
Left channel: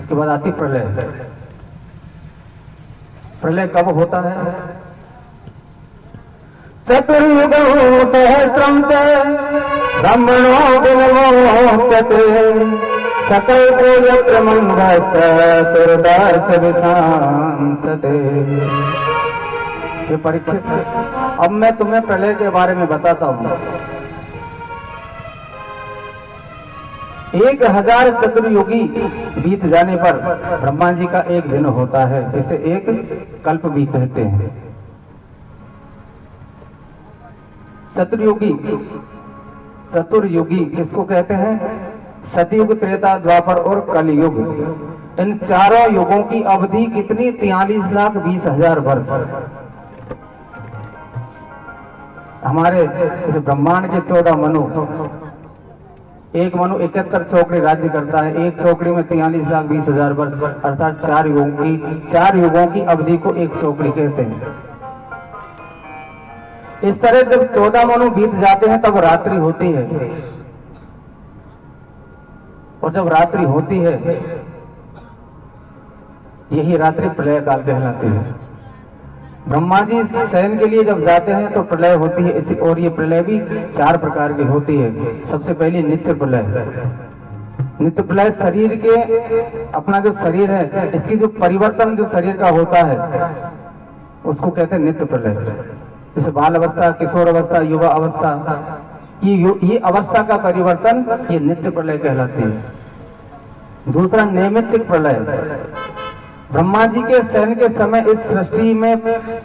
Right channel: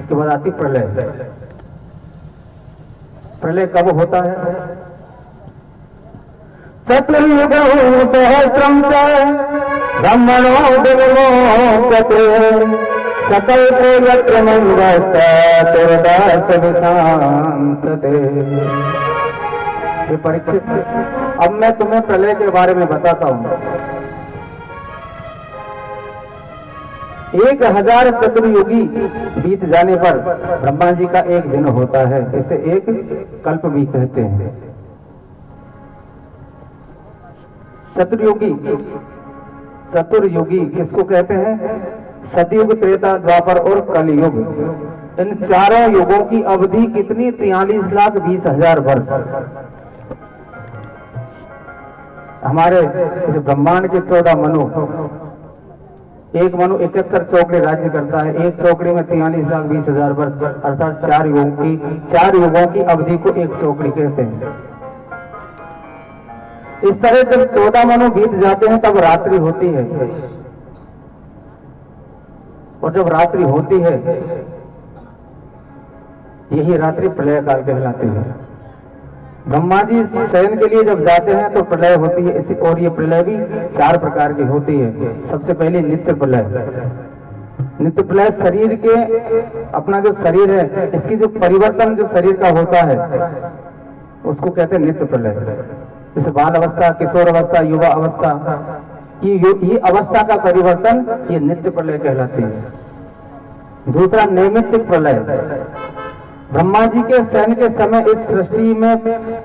इसके बाद आती प्रलय। प्रलय कब होता है? चतुर्युग सहस्रम च ब्रह्मणो विमोचते सकल्पो यत्र मंगलस्य विशांसते। ये परीक्षित, अब मैं तुम्हें प्रलय के बारे में बताता हूं। 1000 चतुर्युगी बीत जाने पर ब्रह्मा जी का एक दिन होता है, इसे एक कल्प भी कहते हैं। चतुर्युगी किसको कहते हैं? सतयुग, त्रेता, द्वापर और कलयुग। इन चारों युगों की अवधि कितनी? 43,20,000 वर्ष। हमारे इस ब्रह्मांड के 14 मनु, एक मनु 71 चौकड़ी राज्य करता है। एक चौकड़ी में 43,20,000 वर्ष, अर्थात 4 युगों की अवधि को एक चौकड़ी कहते हैं। इस तरह जब 14 मनु बीत जाते हैं तब रात्रि होती है, और जब रात्रि होती है यही रात्रि प्रलय काल कहलाती है। ब्रह्मा जी शयन के लिए जब जाते हैं तो प्रलय होती है इसी, और ये प्रलय भी 4 प्रकार की होती है। सबसे पहले नित्य प्रलय। नित्य प्रलय शरीर के, अपना जो शरीर है इसकी जो परिवर्तन जो शरीर का होता है उसको कहते हैं नित्य प्रलय। जैसे बाल अवस्था, किशोर अवस्था, युवा अवस्था, ये अवस्था का परिवर्तन ये नित्य प्रलय कहलाती है। दूसरा नैमित्तिक प्रलय। ब्रह्मा जी के शयन के समय इस सृष्टि में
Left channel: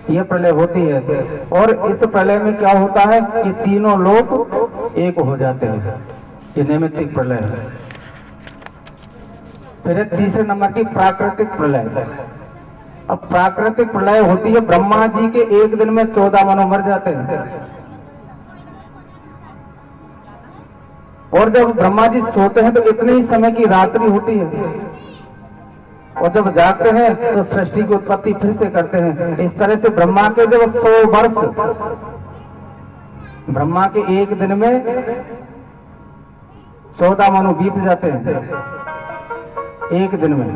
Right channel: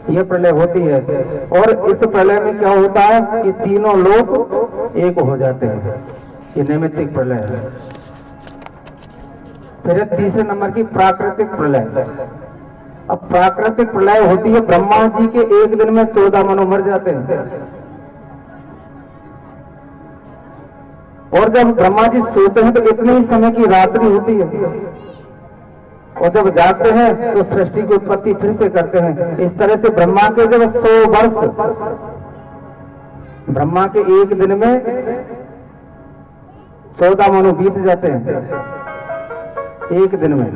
यह प्रलय होती है और इस प्रलय में क्या होता है कि तीनों लोग एक हो जाते हैं। ये नैमित्तिक प्रलय है। फिर तीसरे नंबर की प्राकृतिक प्रलय। अब प्राकृतिक प्रलय होती है, ब्रह्मा जी के एक दिन में 14 मनु मर जाते हैं और जब ब्रह्मा जी सोते हैं तो इतने ही समय की रात्रि होती है और जब जागते हैं तो सृष्टि की उत्पत्ति फिर से करते हैं। इस तरह से ब्रह्मा के जब 100 वर्ष, ब्रह्मा के एक दिन में 14 मनु बीत जाते हैं एक दिन में।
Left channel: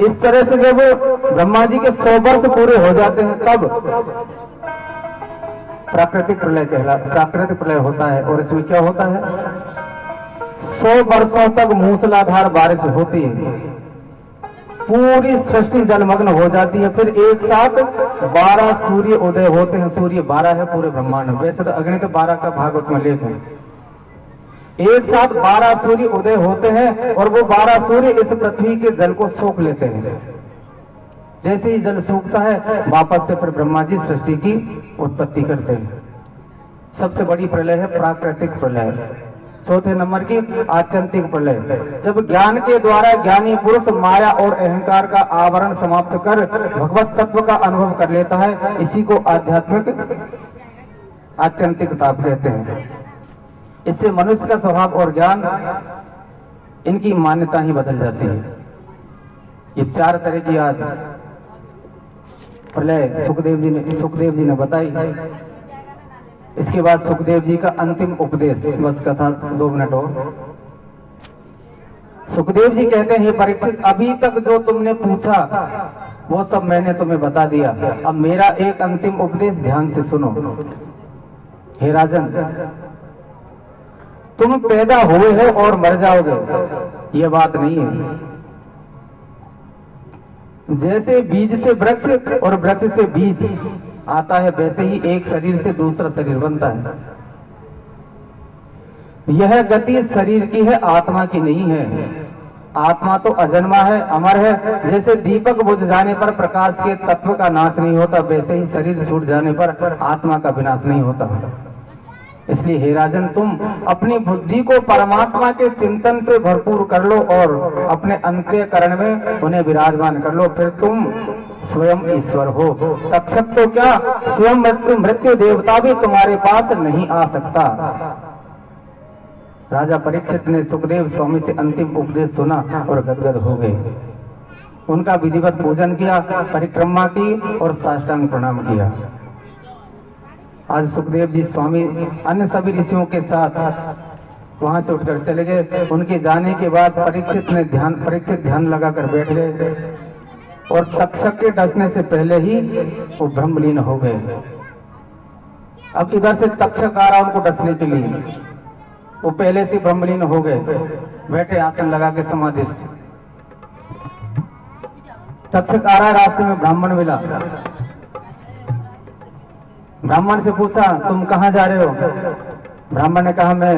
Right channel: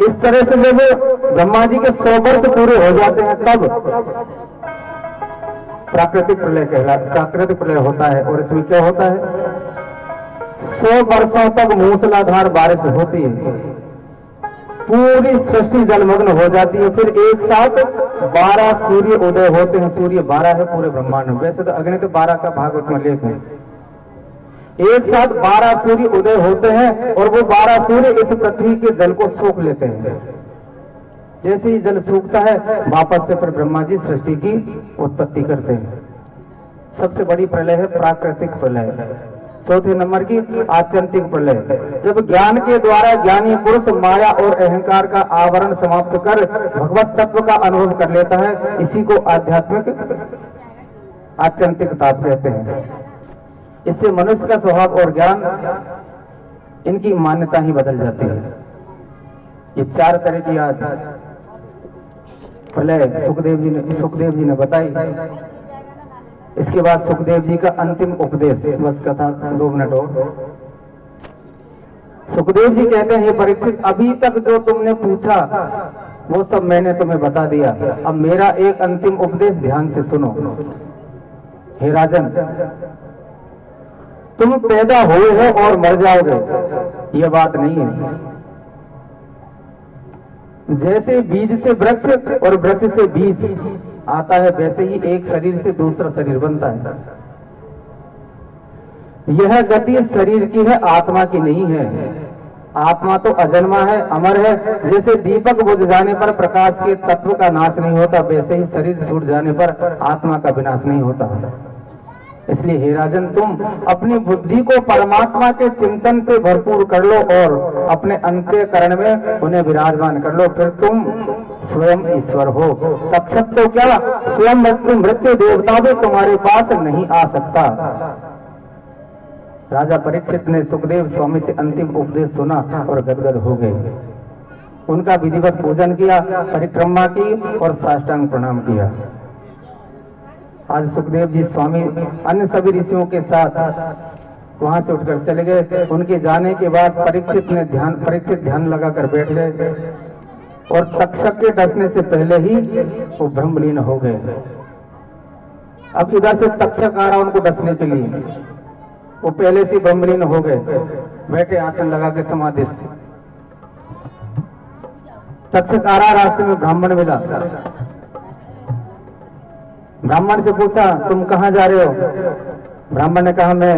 इस तरह से जब ब्रह्मा जी के 100 वर्ष पूरे हो जाते हैं तब प्राकृतिक प्रलय होता है। और इसमें क्या होता है, 100 वर्षों तक मूसलाधार बारिश होती है, पूरी सृष्टि जलमग्न हो जाती है। फिर एक साथ 12 सूर्य उदय होते हैं। सूर्य 12 है पूरे ब्रह्मांड में, वैसे तो अग्नि 12 का भागवत में लेख है। एक साथ 12 सूर्य उदय होते हैं और वो 12 सूर्य इस पृथ्वी के जल को सोख लेते हैं। जैसे ही जल सूखता है वापस से फिर ब्रह्मा जी सृष्टि की उत्पत्ति करते हैं। सबसे बड़ी प्रलय है प्राकृतिक प्रलय। चौथे नंबर की आत्यंतिक प्रलय, जब ज्ञान के द्वारा ज्ञानी पुरुष माया और अहंकार का आवरण समाप्त कर भगवत तत्व का अनुभव कर लेता है, इसी को आध्यात्मिक आत्यंतिक ताप कहते हैं। इससे मनुष्य का स्वभाव और ज्ञान, इनकी मान्यता ही बदल जाती है। ये 4 तरह की आज प्रलय सुखदेव जी ने बताई। इसके बाद सुखदेव जी का अंतिम उपदेश, बस कथा 2 मिनट और। सुखदेव जी कहते हैं, हे परीक्षित, अभी तक जो तुमने पूछा वो सब मैंने तुम्हें बता दिया। अब मेरा एक अंतिम उपदेश ध्यान से सुनो। हे राजन, तुम पैदा हुए हो और मर जाओगे, यह बात नहीं है। जैसे बीज से वृक्ष और वृक्ष से बीज आता है, वैसे ही एक शरीर से दूसरा शरीर बनता है। यह गति शरीर की है, आत्मा की नहीं है। आत्मा तो अजन्मा है, अमर है। जैसे दीपक बुझ जाने पर प्रकाश के तत्व का नाश नहीं होता, वैसे ही शरीर छूट जाने पर आत्मा का विनाश नहीं होता। इसलिए हे राजन, तुम अपनी बुद्धि को परमात्मा के चिंतन से भरपूर कर लो और अपने अंतःकरण में उन्हें विराजमान कर लो, फिर तुम स्वयं ईश्वर हो। तक्षक तो क्या, स्वयं मृत्यु देवता भी तुम्हारे पास नहीं आ सकता। राजा परीक्षित ने सुखदेव स्वामी से अंतिम उपदेश सुना और गदगद हो गए। उनका विधिवत पूजन किया, परिक्रमा की और साष्टांग प्रणाम किया। आज सुखदेव जी स्वामी अन्य सभी ऋषियों के साथ वहां से उठकर चले गए। उनके जाने के बाद परीक्षित ध्यान लगाकर बैठ गए और तक्षक के डसने से पहले ही वो ब्रह्मलीन हो गए। अब इधर से तक्षक आ रहा उनको डसने के लिए, वो पहले से ब्रह्मलीन हो गए, बैठे आसन लगा के समाधिस्थ। तक्षक आ रहा, रास्ते में ब्राह्मण मिला। ब्राह्मण से पूछा, तुम कहाँ जा रहे हो? ब्राह्मण ने कहा, मैं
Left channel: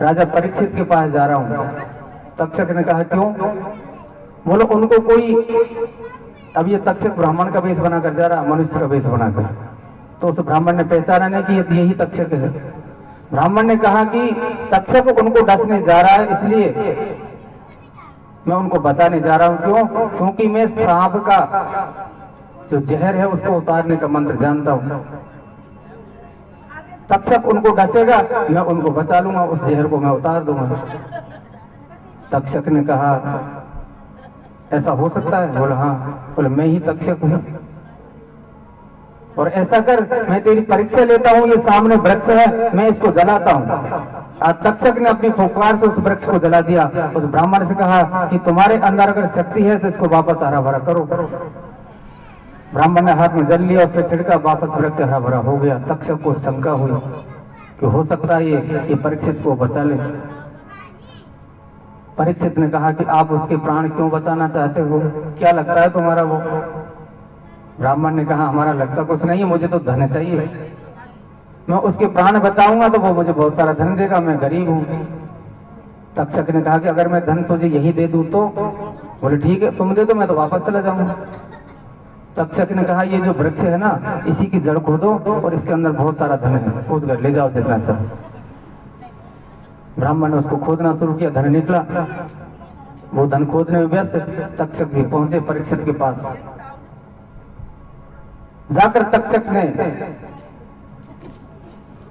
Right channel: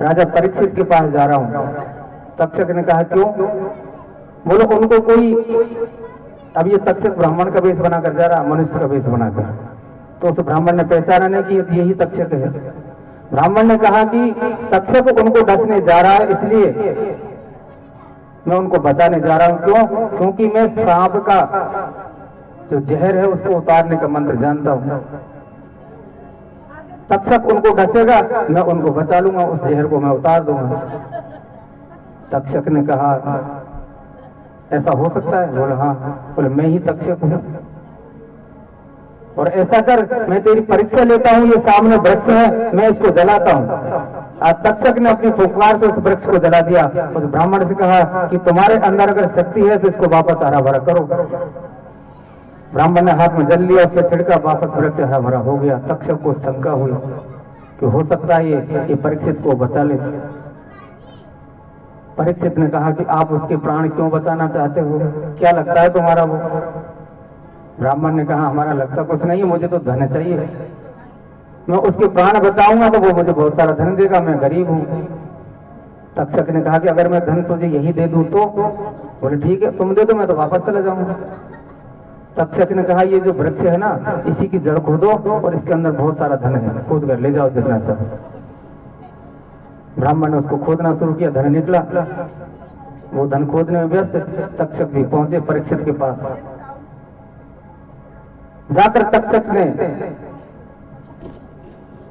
राजा परीक्षित के पास जा रहा हूँ। तक्षक ने कहा, क्यों? बोलो, उनको कोई, अब ये तक्षक ब्राह्मण का वेश बनाकर जा रहा, मनुष्य का वेश बनाकर। तो उस ब्राह्मण ने पहचाना नहीं कि यही तक्षक है। ब्राह्मण ने कहा कि तक्षक उनको डसने जा रहा है, इसलिए मैं उनको बचाने जा रहा हूँ। क्यों? क्योंकि मैं सांप का जो जहर है उसको उतारने का मंत्र जानता हूं। तक्षक उनको डसेगा, मैं उनको बचा लूंगा, उस जहर को मैं उतार दूंगा। तक्षक ने कहा, ऐसा हो सकता है? बोला, हाँ। बोले, मैं ही तक्षक हूं और ऐसा कर, मैं तेरी परीक्षा लेता हूं। ये सामने वृक्ष है, मैं इसको जलाता हूं। तक्षक ने अपनी फुफकार से उस वृक्ष को जला दिया। उस ब्राह्मण से कहा कि तुम्हारे अंदर अगर शक्ति है तो इसको वापस हरा भरा करो। ब्राह्मण ने हाथ में जल लिया, उसके छिड़का, वापस वृक्ष हरा भरा हो गया। तक्षक को शंका हुई कि हो सकता है ये परीक्षित को बचा ले। परीक्षित ने कहा कि आप उसके प्राण क्यों बचाना चाहते हो? क्या लगता है तुम्हारा वो? ब्राह्मण ने कहा, हमारा लगता कुछ नहीं है, मुझे तो धन चाहिए। मैं उसके प्राण बचाऊंगा तो वो मुझे बहुत सारा धन देगा, मैं गरीब हूं। तक्षक ने कहा कि अगर मैं धन तुझे यही दे दूं तो? बोले ठीक है, तुम दे दो, मैं तो वापस चला जाऊंगा। तक्षक ने कहा ये जो वृक्ष है ना, इसी की जड़ खोदो और इसके अंदर बहुत सारा धन है, खोद कर ले जाओ जितना चाहो। ब्राह्मण ने उसको खोदना शुरू किया, धन निकला। वो धन खोदने में व्यस्त, तक्षक भी पहुंचे परीक्षित के पास। जाकर तक्षक ने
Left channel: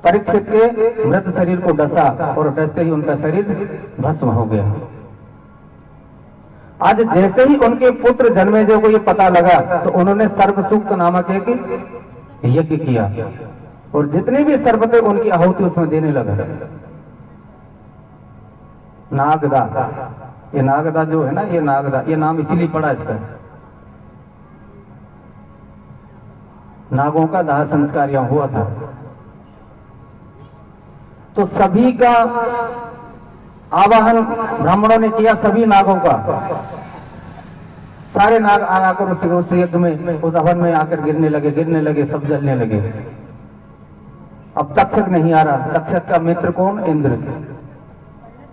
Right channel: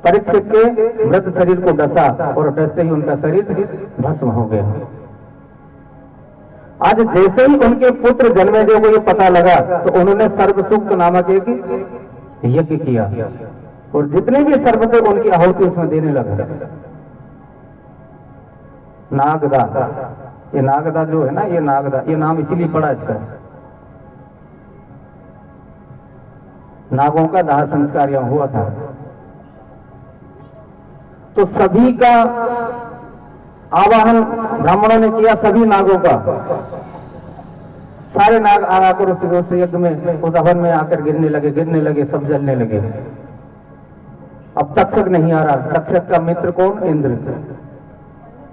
परीक्षित के मृत शरीर को डसा और डसते ही उनका शरीर भस्म हो गया। आज जैसे ही उनके पुत्र जन्मेजय को ये पता लगा तो उन्होंने सर्वसुक्त नामक एक यज्ञ किया और जितने भी सर्प थे उनकी आहुति उसमें देने लगा। नागदा, ये नागदा जो है ना, ये नागदा, ये नाम इसीलिए पड़ा इसका। नागों का दाह संस्कार यहां हुआ था। तो सभी का आवाहन ब्राह्मणों ने किया, सभी नागों का। सारे नाग आकर उस यज्ञ में, उस हवन में आकर गिरने लगे, सब जलने लगे। अब तक्षक नहीं आ रहा। तक्षक का मित्र कौन? इंद्र।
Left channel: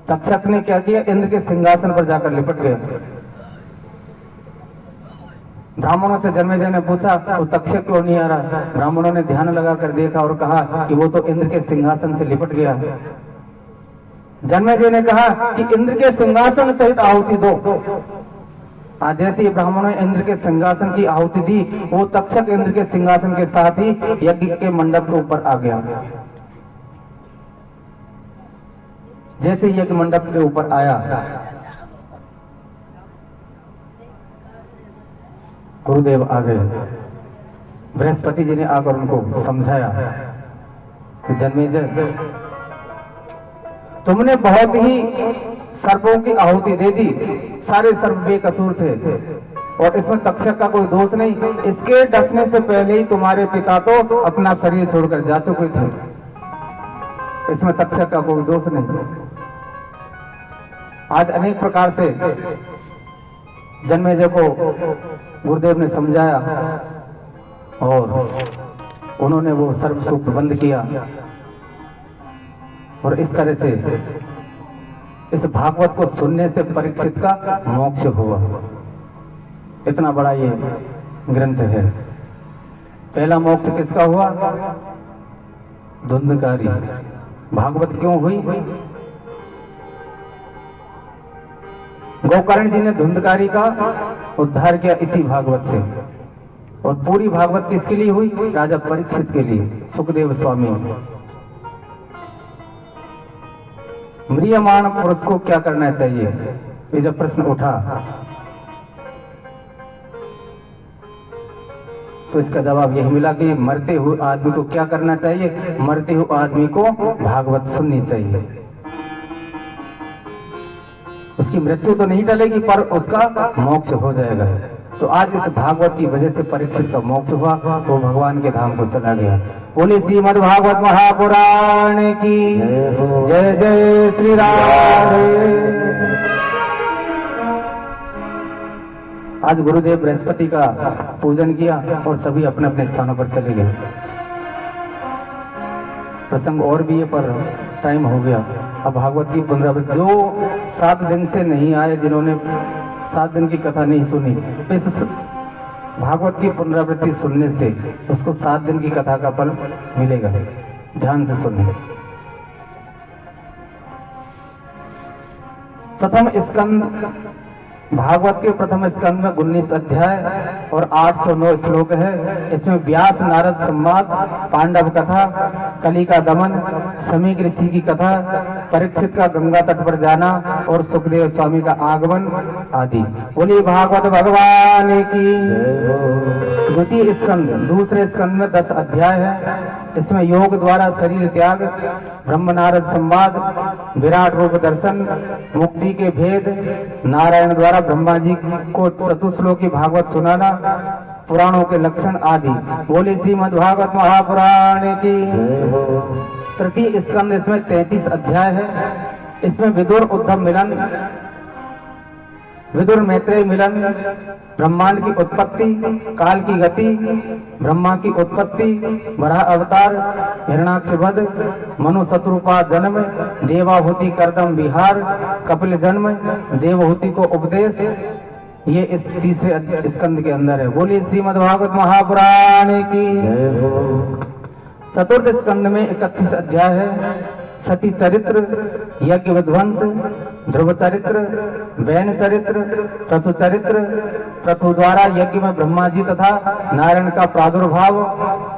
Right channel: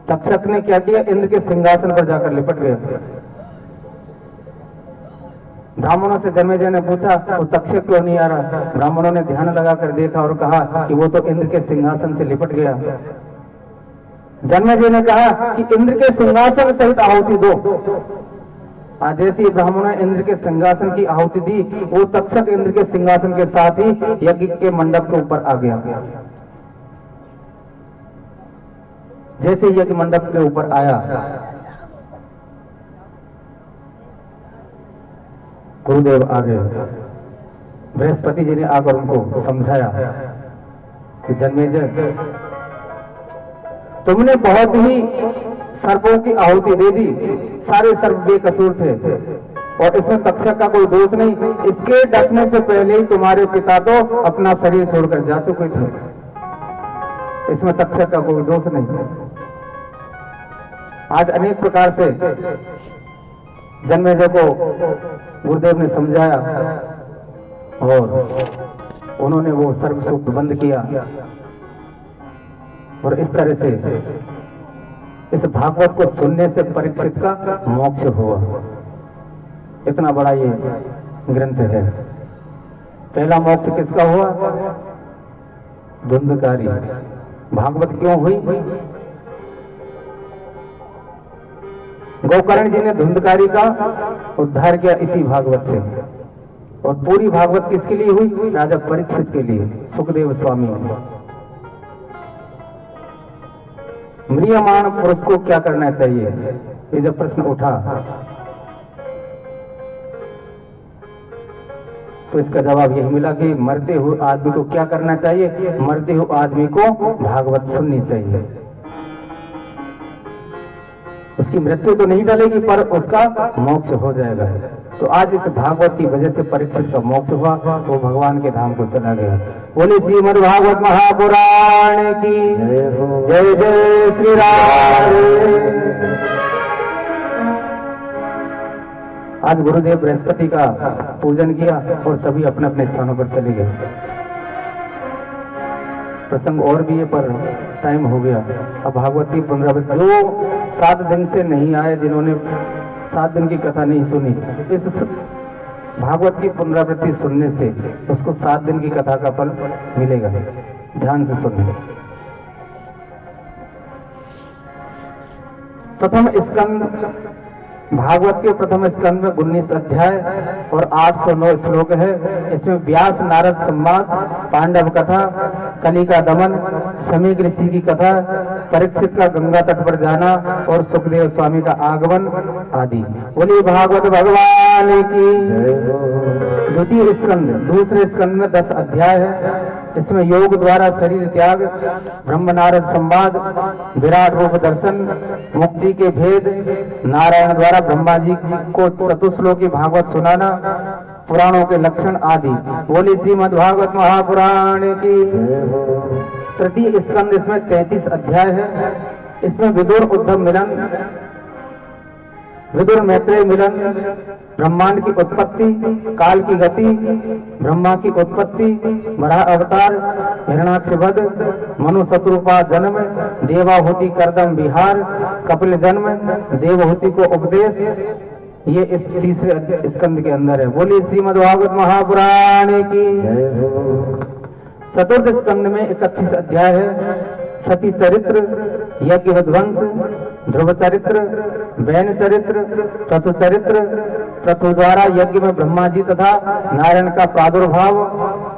तक्षक ने क्या किया? इंद्र के सिंहासन पर जाकर लिपट गया। ब्राह्मणों से जन्मेजय ने पूछा तो तक्षक क्यों नहीं आ रहा? ब्राह्मणों ने ध्यान लगाकर देखा और कहा कि वो तो इंद्र के सिंहासन से लिपट गया। जन्मेजय ने कहा कि इंद्र के सिंहासन सहित आहुति दो। आज जैसे ब्राह्मणों ने इंद्र के सिंहासन की आहुति दी, वो तक्षक इंद्र के सिंहासन के साथ ही यज्ञ के मंडप के ऊपर आ गया। जैसे यज्ञ मंडप के ऊपर आया, गुरुदेव आ गए। बृहस्पति जी ने आकर उनको समझाया कि जन्मेजय, तुमने बहुत ही सर्पों की आहुति दे दी, सारे सर्प बेकसूर थे और इसमें तक्षक का कोई दोष नहीं। इसके डसने से पहले ही तुम्हारे पिता तो अपना शरीर छोड़कर जा चुके थे, इसमें तक्षक का कोई दोष नहीं। आज अनेक प्रकार से जन्मेजय को गुरुदेव ने समझाया और उन्होंने वो सर्वसुक्त बंद किया और इस तरह से इस भागवत को सुनने से परीक्षित का मोक्ष हुआ। इतना बड़ा ये ग्रंथ है। पहला मोक्ष किसका हुआ? धुंधकारी। भागवत क्यों हुई? गोकर्ण जी ने धुंधकारी का उद्धार किया इसी भागवत से। और पूरी भागवत किसके लिए हुई? राजा परीक्षित के लिए, सुखदेव स्वामी। म्रियमाण पुरुष को क्या करना चाहिए, ये जब प्रश्न उठा तो इसका जवाब यही मिला कि मरते हुए आदमी को क्या करना चाहिए? मरते हुए आदमी को भागवत सुननी चाहिए। उसकी मृत्यु तो नहीं टलेगी पर उसका मोक्ष हो जाएगा। तो आज इस भागवत की वजह से परीक्षित का मोक्ष हुआ, वो भगवान के धाम को चला गया। बोले श्रीमद् भागवत महापुराण की जय। जय श्री राम। आज गुरुदेव बृहस्पति का पूजन किया और सभी अपने अपने स्थानों पर चले गए। प्रसंग और भी है पर टाइम हो गया। अब भागवत की पुनरावृत्ति, जो 7 दिन से नहीं आए, जिन्होंने 7 दिन की कथा नहीं सुनी, इस भागवत की पुनरावृत्ति सुनने से उसको 7 दिन की कथा का फल मिलेगा। ध्यान से सुनिए। प्रथम स्कंद, भागवत के प्रथम स्कंद में 19 अध्याय और 809 श्लोक है। इसमें व्यास नारद संवाद, पांडव कथा, कली का दमन, समीक ऋषि की कथा, परीक्षित का गंगा तट पर जाना और सुखदेव स्वामी का आगमन आदि। बोलिए भागवत भगवान की। द्वितीय स्कंद, दूसरे स्कंद में 10 अध्याय है। इसमें योग द्वारा शरीर त्याग, ब्रह्म नारद संवाद, विराट रूप दर्शन, मुक्ति के भेद, नारायण द्वारा ब्रह्मा जी को चतुश्लोकी भागवत सुनाना, पुराणों के लक्षण आदि। बोले श्रीमद् भागवत महापुराण की। तृतीय स्कंद, इसमें 33 अध्याय है। इसमें विदुर उद्धव मिलन, विदुर मैत्रेय मिलन, ब्रह्मांड की उत्पत्ति, काल की गति, ब्रह्मा की उत्पत्ति, वराह अवतार, हिरणाक्ष वध, मनु शत्रुपा जन्म, देवाहुति करदम विहार, कपिल जन्म, देवहुति को उपदेश, ये इस तीसरे स्कंद के अंदर है। बोलिए श्रीमद् भागवत महापुराण की। चतुर्थ स्कंद में 31 अध्याय है। सती चरित्र, यज्ञ विध्वंस, ध्रुव चरित्र, वैन चरित्र, प्रथु चरित्र, प्रथु द्वारा यज्ञ में ब्रह्मा जी तथा नारायण का प्रादुर्भाव,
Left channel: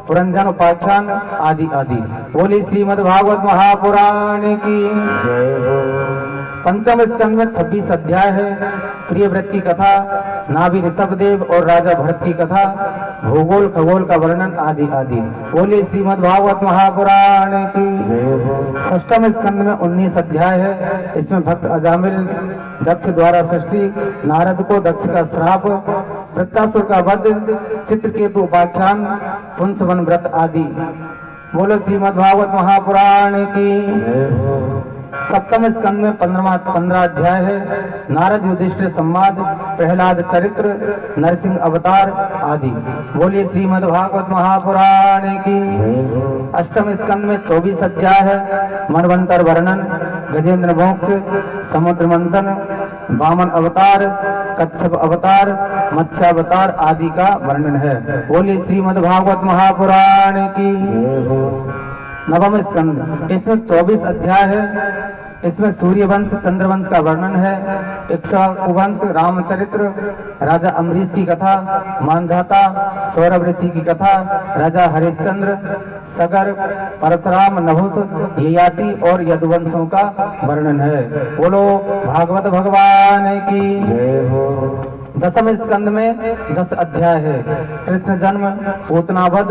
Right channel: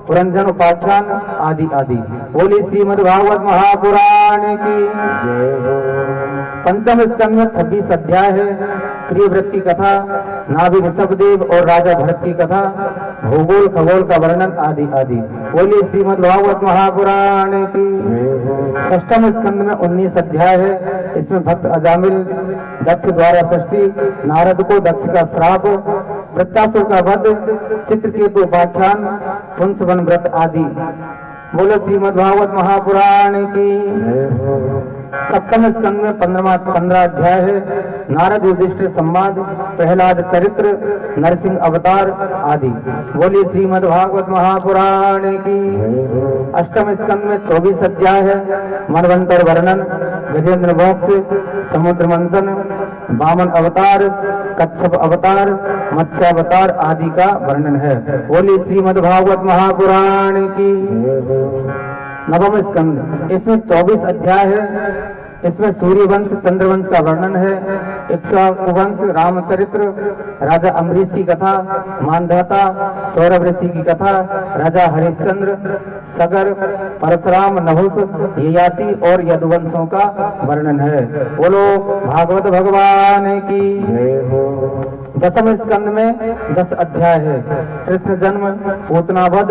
पुरंजन उपाख्यान आदि आदि। बोली श्रीमद् भागवत महापुराण की। पंचम स्कंद में 26 अध्याय है। प्रिय व्रत की कथा, नाभि ऋषभदेव और राजा भरत की कथा, भूगोल खगोल का वर्णन आदि आदि। बोली श्रीमद् भागवत महापुराण की। षष्ठम स्कंद में 19 अध्याय है। इसमें भक्त अजामिल, दक्ष द्वारा सृष्टि, नारद को दक्ष का श्राप, वृत्तासुर का वध, चित्रकेतु उपाख्यान, पुंसवन व्रत आदि। बोले श्रीमद् भागवत महापुराण की। सप्तम स्कंद में 15 अध्याय है। नारद युधिष्ठिर संवाद, प्रहलाद चरित्र, नरसिंह अवतार आदि। बोलिए श्रीमद् भागवत महापुराण की। अष्टम स्कंद में 24 अध्याय है। मनवंतर वर्णन, गजेंद्र मोक्ष, समुद्र मंथन, वामन अवतार, कच्छप अवतार, मत्स्य अवतार आदि का वर्णन है। बोलिए श्रीमद् भागवत महापुराण की। नवम स्कंद, इसमें 24 अध्याय है। इसमें सूर्यवंश चंद्रवंश का वर्णन है। इक्ष्वाकुवंश, रामचरित्र, राजा अम्बरीश की कथा, मानधाता, सौरभ ऋषि की कथा, राजा हरिश्चंद्र, सगर, परशुराम, नहुस, ययाति और यदुवंशों का वर्णन है। बोलो भागवत भगवान की। दसम स्कंद में 10 अध्याय है। कृष्ण जन्म, पूतना वध,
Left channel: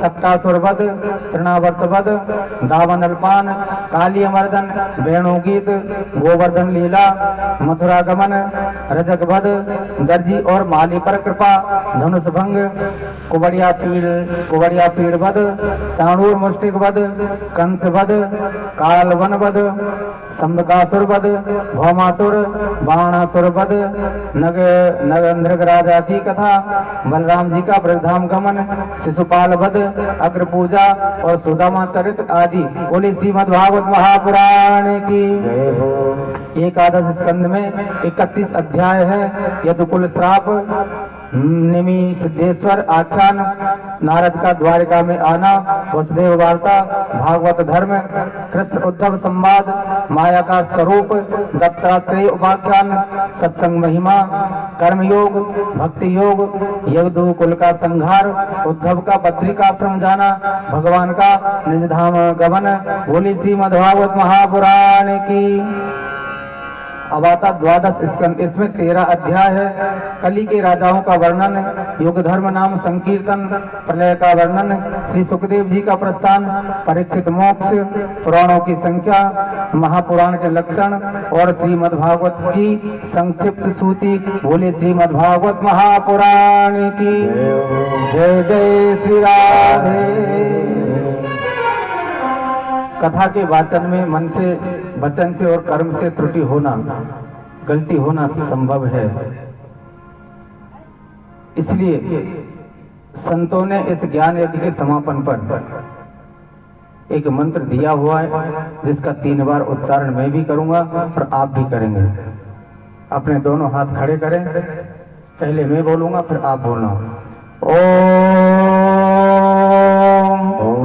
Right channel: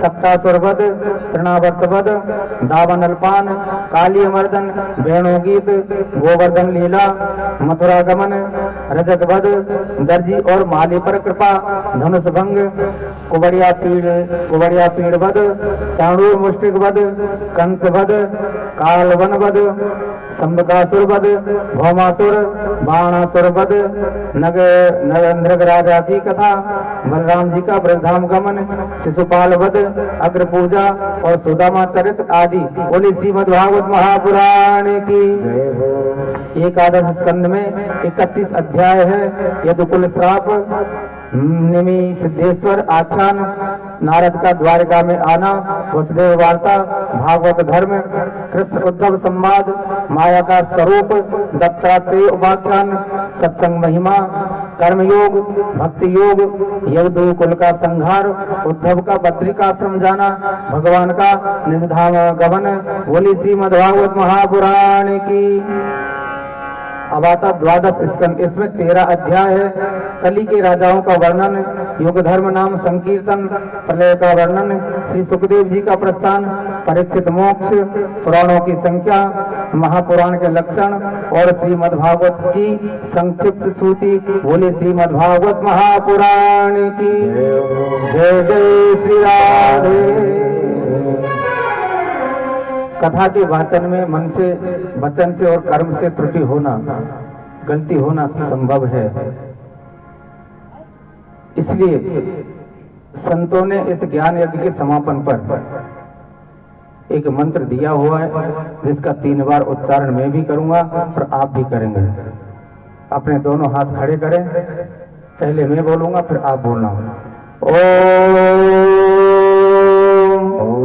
सप्तासुर वध, तृणावर्त वध, दावन अल्पान, काली मर्दन, वेणुगीत, गोवर्धन लीला, मथुरा गमन, रजक वध, दर्जी और माली पर कृपा, धनुष भंग, कुबड़िया पीड़ वध, चाणूर मुष्टिक वध, कंस वध, कालवन वध, संबकासुर वध, भौमासुर, बाणासुर वध, नगेंद्र राजा की कथा, बलराम जी का ब्रजधाम गमन, शिशुपाल वध, अग्र पूजा और सुदामा चरित्र आदि। बोली श्रीमद् भागवत महापुराण की। एकादश स्कंद में 31 अध्याय है। यदुकुल श्राप, निमि सिद्धेश्वर आख्यान, नारद का द्वारका में आना, वसुदेव वार्ता, भागवत धर्म, कृष्ण उद्धव संवाद, माया का स्वरूप, दत्तात्रेय उपाख्यान, सत्संग महिमा, कर्मयोग, भक्ति योग, यदुकुल का संहार, उद्धव का बद्रिकाश्रम जाना, भगवान का निज धाम गमन। बोली श्रीमद् भागवत महापुराण की। अब आता द्वादश स्कंद, इसमें 13 अध्याय है। कली के राजाओं का वर्णन, युग धर्म नाम संकीर्तन, प्रलय का वर्णन, श्री सुखदेव जी का प्रस्थान, परीक्षित मोक्ष, पुराणों की संख्या, महापुराण के लक्षण और श्रीमद् भागवत की संक्षिप्त सूची। बोले श्रीमद् भागवत महापुराण की। जय जय श्री राधे। कथा के वाचन में मन से, वचन से और कर्म से त्रुटि होना, गलती होना संभव है। इसलिए संतों ने इस ज्ञान यज्ञ के समापन पर एक मंत्र दिया हुआ है, जिसका 3 बार उच्चारण मैं भी करूंगा और आप भी करेंगे। अपने दोनों हाथ खड़े करें, पहले मैं बोलूंगा फिर आप बोलना। ओम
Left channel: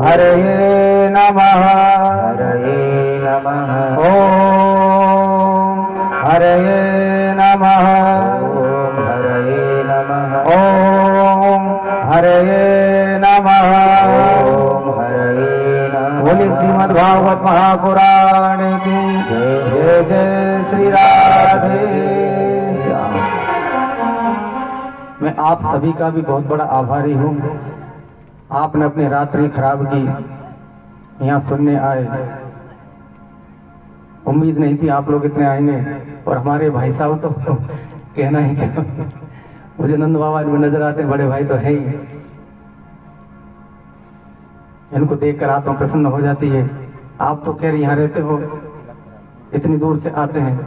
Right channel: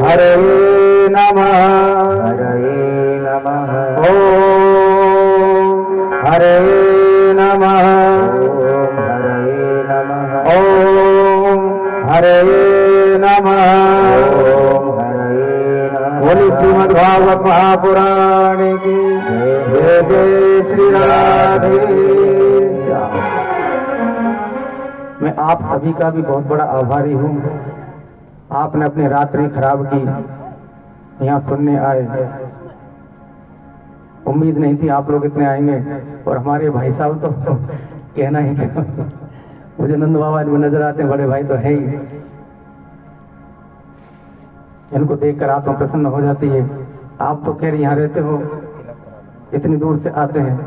हरे नमः, हरे नमः, ओम हरे नमः, ओम हरे नमः, ओम हरे नमः, ओम हरे नमः। बोली श्रीमद् भागवत महापुराण की। जय जय श्री राधे श्याम। मैं आप सभी का भी बहुत बड़ा आभारी हूँ। आपने अपनी रात्रि खराब की, यहाँ सुनने आए। उम्मीद नहीं थी आप लोग इतने आएंगे। और हमारे भाई साहब तो कहना ही क्या, मुझे नंद बाबा में नजर आते हैं, बड़े भाई तो है ही। इनको देखकर आत्मा प्रसन्न हो जाती है। आप तो कह रहे यहाँ रहते हो, इतनी दूर से आते हैं।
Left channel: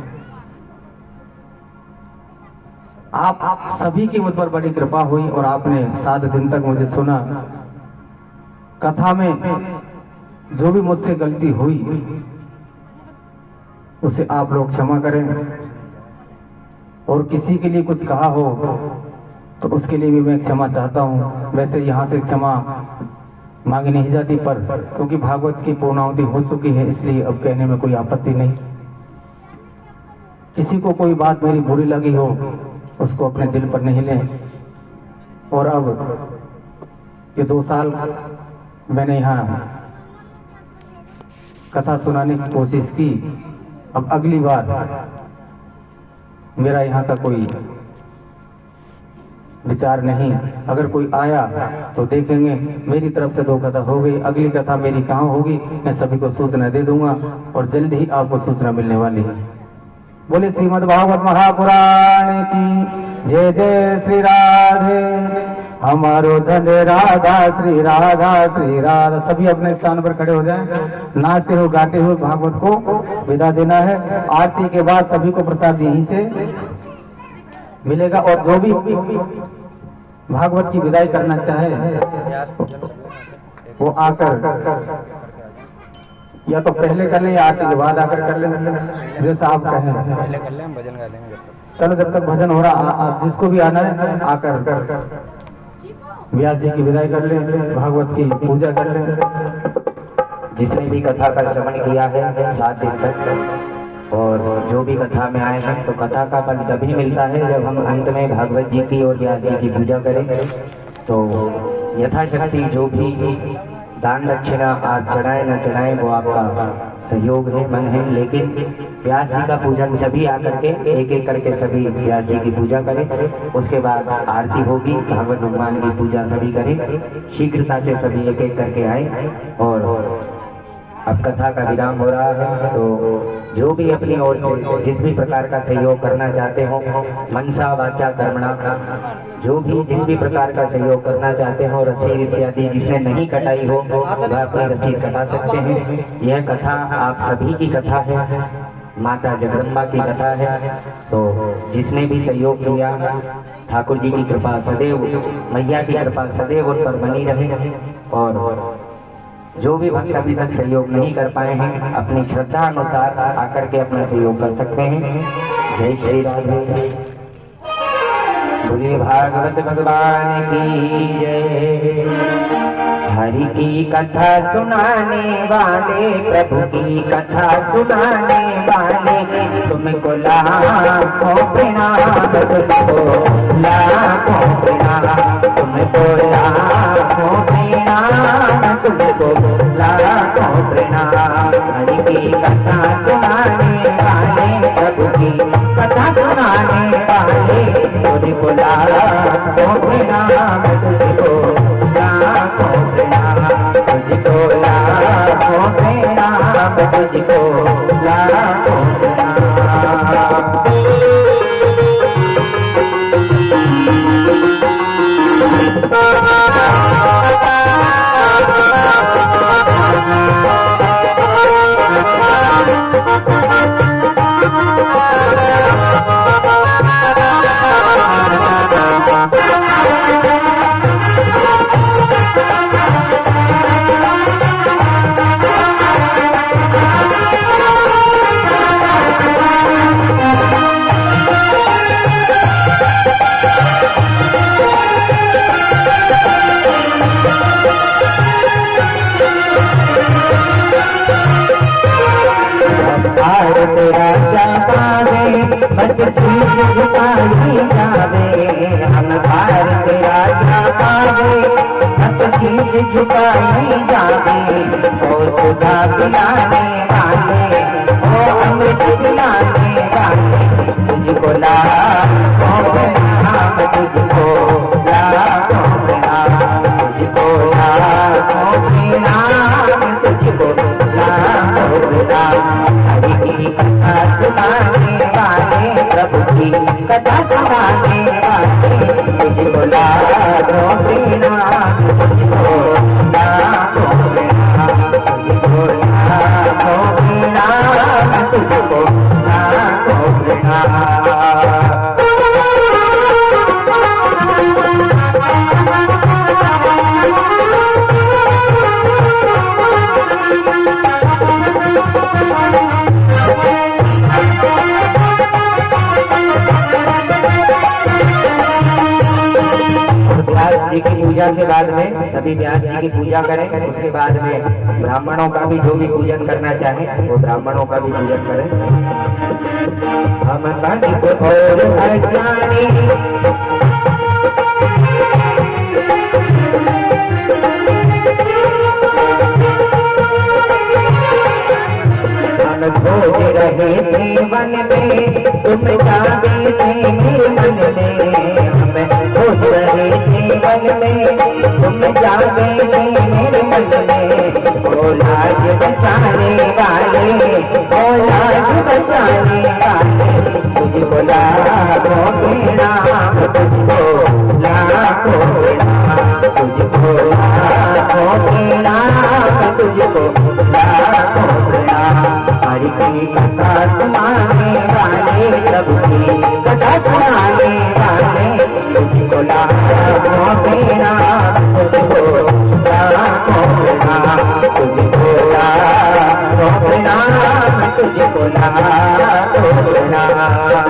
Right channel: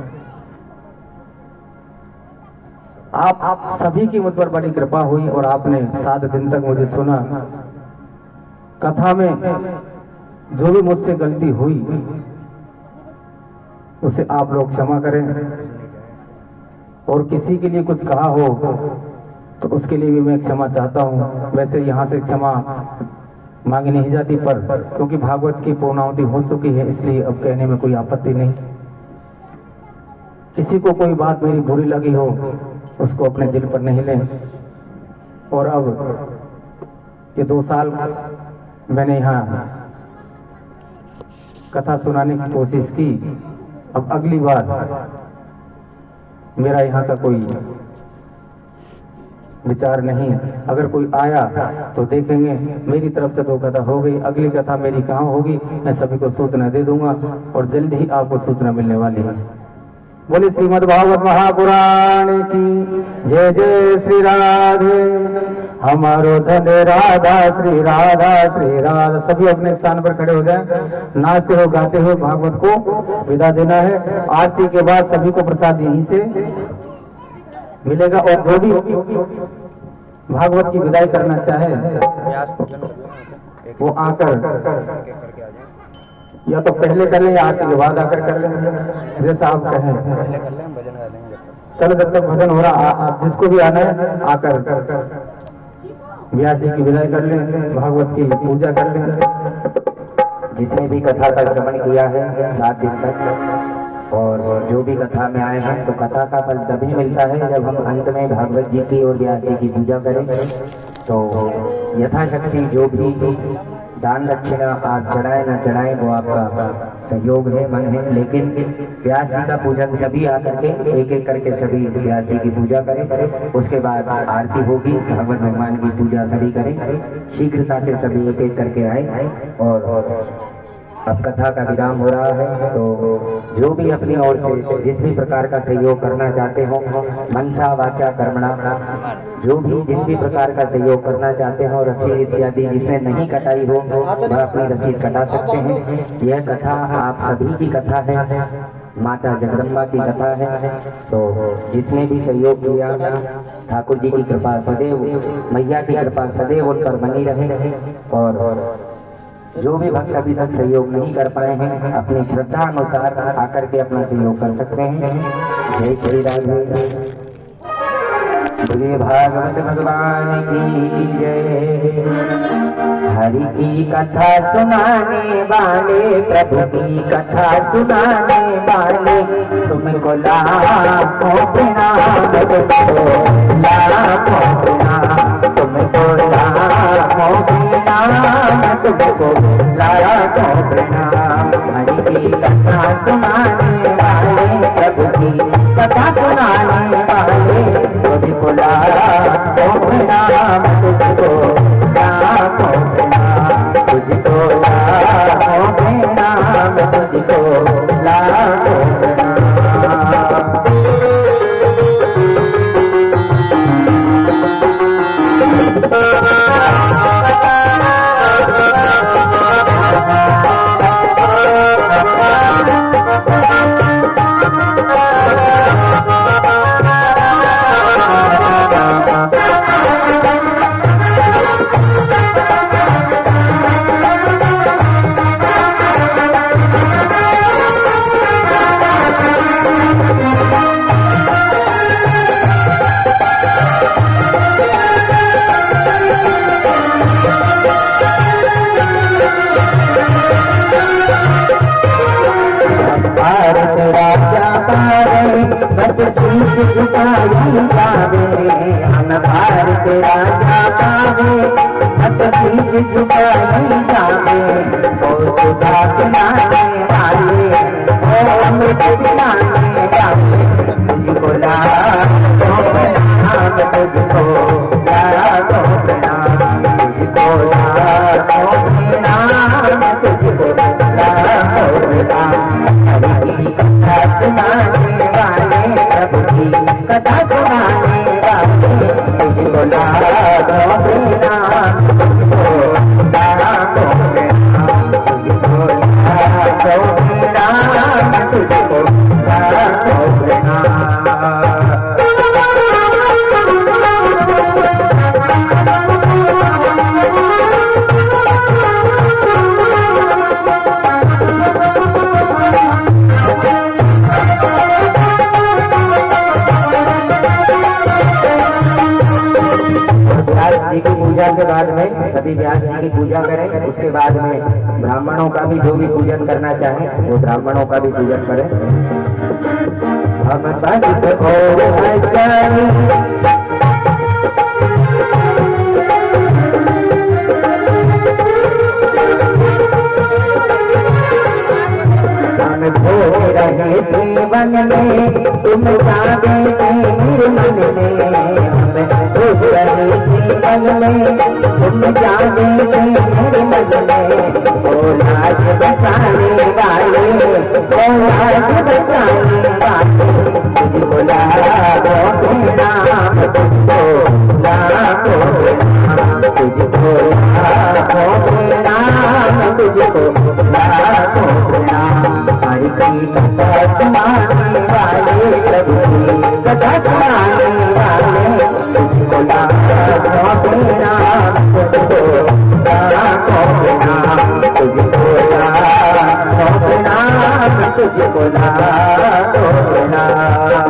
आप सभी की मुझ पर बड़ी कृपा हुई और आपने 7 दिन तक मुझे सुना। कथा में जो भी मुझसे गलती हुई उसे आप लोग क्षमा करें, और किसी के लिए कुछ कहा हो तो उसके लिए भी मैं क्षमा चाहता हूँ। वैसे यहाँ से क्षमा मांगी नहीं जाती, पर क्योंकि भागवत की पूर्णाहुति हो चुकी है इसलिए अब कहने में कोई आपत्ति नहीं। किसी को कोई बात मेरी बुरी लगी हो उसको अपने दिल पर नहीं लें। और अब ये 2 साल मैंने यहाँ कथा सुनाने की कोशिश की, अब अगली बार मेरा यहाँ का कोई विचार नहीं। अगर कोई आया तो देखेंगे, मेरी तरफ से 2 कथा हो गई, अगली कथा मेरी कहाँ होगी मैं सभी को सूचना दे दूंगा और जल्द ही आपको सूचना मिलने वाली है। बोले श्रीमद् भागवत महापुराण की जय जय श्री राधे। हमारो धन राधा श्री राधा श्री राधा। सभी अपने स्थान पर खड़े हो जाएं, नाचते हो गाते हुए भागवत को विदा देना है। आरती के बाद सभी को प्रसाद यहीं से मिलेगा, और जो भी भागवत की विदाई करना चाहे वो आकर या तो पहले कर लें या आरती के बाद आकर कर लें, जैसा आप कहें। पहले कर लें, भजन गा लेंगे। चलो जब तक भजन हो रहा, आप जिसको भी आना है आकर व्यास जी की विदाई कर लें, भागवत की पूजा कर लें। जिसने भी कथा का श्रवण किया है 7 दिन तक, और जो भी कथा में आए हैं, तो कथा का फल तभी मिलता है जब हम अंत में भागवत जी की और व्यास जी की पूजा करें। तो यथाशक्ति जो भी दान दक्षिणा आप चढ़ाएं न चढ़ाएं वो आपका सहयोग है, मन है, लेकिन व्यास जी का पूजन सभी आकर के एक एक करके सभी व्यास जी की पूजा करें। उसके बाद आरती होगी, भागवत भगवान की पूजा सभी करें। शीघ्रता से सभी एक एक करके आए। और अब कथा का विराम हो रहा है, तो जो भी अपनी ओर से जिस भी प्रकार का सहयोग करना चाहते हो, मनसा वाचा कर्मणा, जो भी जिस भी प्रकार का सहयोग करना चाहते हो, रसीद इत्यादि जिसने नहीं कटाई हो वह अपनी रसीद कटा सकते हैं। यह कथा आप सभी की कथा है, माता जगदम्बा की कथा है। तो जिसने भी सहयोग किया, ठाकुर जी की कृपा सदैव, मैया की कृपा सदैव उन पर बनी रहे। और जो भी भक्त अभी तक सहयोग नहीं कर पाए हैं, अपनी श्रद्धा अनुसार आकर के अपना सहयोग कर सकते हैं। जय श्री राधे। बोलिए भागवत भगवान की जय। हरि की कथा सुनाने वाले, प्रभु की कथा सुनाने वाले, तुमको लाखों प्रणाम, तुमको लाखों प्रणाम, तुमको लाखों प्रणाम, तुमको लाखों प्रणाम। हरि की कथा सुनाने वाले, प्रभु की कथा सुनाने वाले, तुझको लाखों प्रणाम, तुझको लाखों प्रणाम, तुझको लाखों प्रणाम, तुझको लाखों प्रणाम। बस शीश झुकाई जावे, अनभार तेरा क्या पावे, बस शीश झुकाई जावे। ओ सुधा पिलाने वाले, ओ अमृत पिलाने वाले, तुझको लाखों प्रणाम, तुझको लाखों प्रणाम, तुझको लाखों प्रणाम, तुझको लाखों प्रणाम। हरि की कथा सुनाने वाले, प्रभु की कथा सुनाने वाले, तुझको लाखों प्रणाम, तुझको लाखों प्रणाम, तुझको लाखों प्रणाम, तुझको लाखों प्रणाम। जी की पूजा के बाद में सभी व्यास जी की पूजा करें, उसके बाद में ब्राह्मणों का भी जो भी पूजन करना चाहे वो ब्राह्मणों का भी पूजन करें। हम पंडित और अज्ञानी भोग रहे थे वन में, तुम जागे थे निर्मल में। हम भोग रहे थे वन में, तुम जागे थे निर्मल में। ओ लाज बचाने वाले, ओ लाज बचाने वाले, तुझको लाखों प्रणाम, तुझको लाखों प्रणाम, तुझको लाखों प्रणाम, तुझको लाखों प्रणाम। हरि की कथा सुनाने वाले, प्रभु की कथा सुनाने वाले, तुझको लाखों प्रणाम, तुझको लाखों प्रणाम, तुझको लाखों प्रणाम, तुझको लाखों प्रणाम।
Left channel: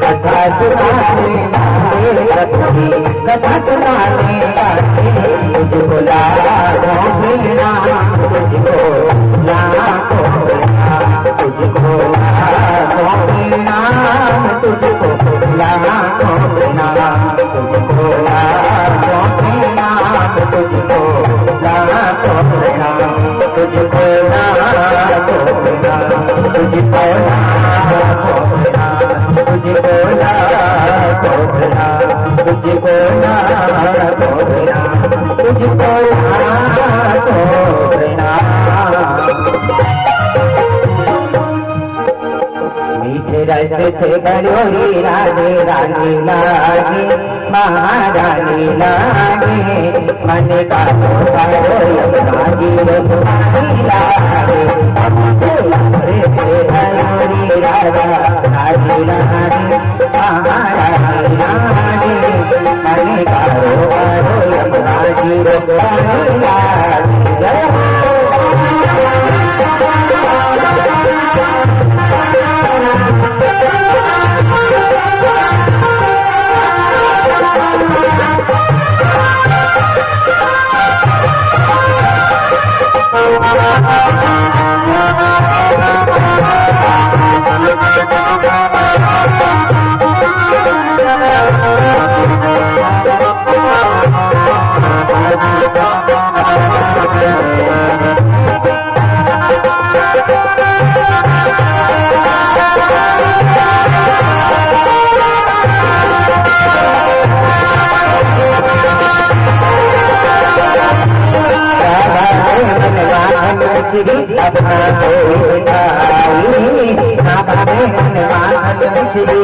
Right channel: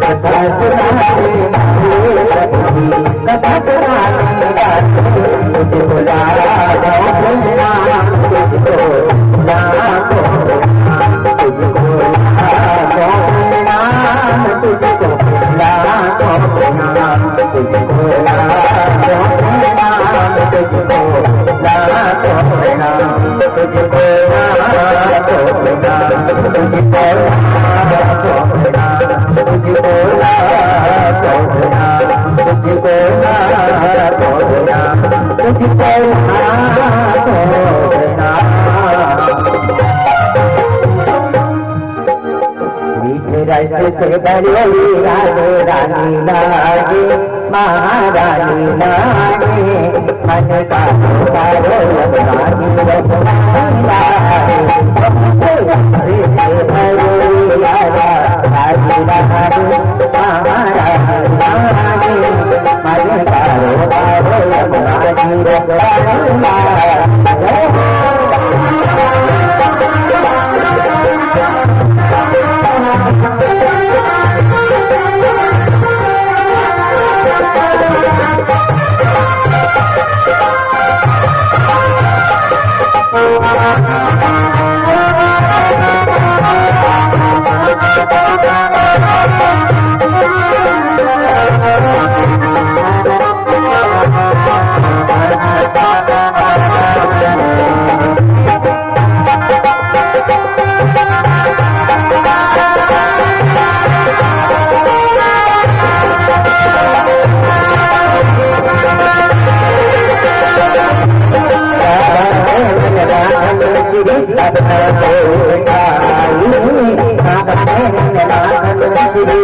कथा सुनाने वाले, प्रभु की कथा सुनाने वाले, तुझको लाखों प्रणाम, तुझको लाखों प्रणाम, तुझको लाखों प्रणाम, तुझको लाखों प्रणाम, तुझको लाखों प्रणाम, तुझको लाखों प्रणाम, तुझको लाखों प्रणाम, तुझको लाखों प्रणाम, तुझको लाखों प्रणाम, तुझको लाखों प्रणाम, तुझको लाखों प्रणाम। मीठे रस से भरी रानी रानी लागे, महारानी लागे, मन का पुकारो यमुना जी रघुरानी लागे। मीठे रस से भरी राधा रानी लागे, महारानी लागे, मन का पुकारो यमुना जी रघुरानी लागे। श्री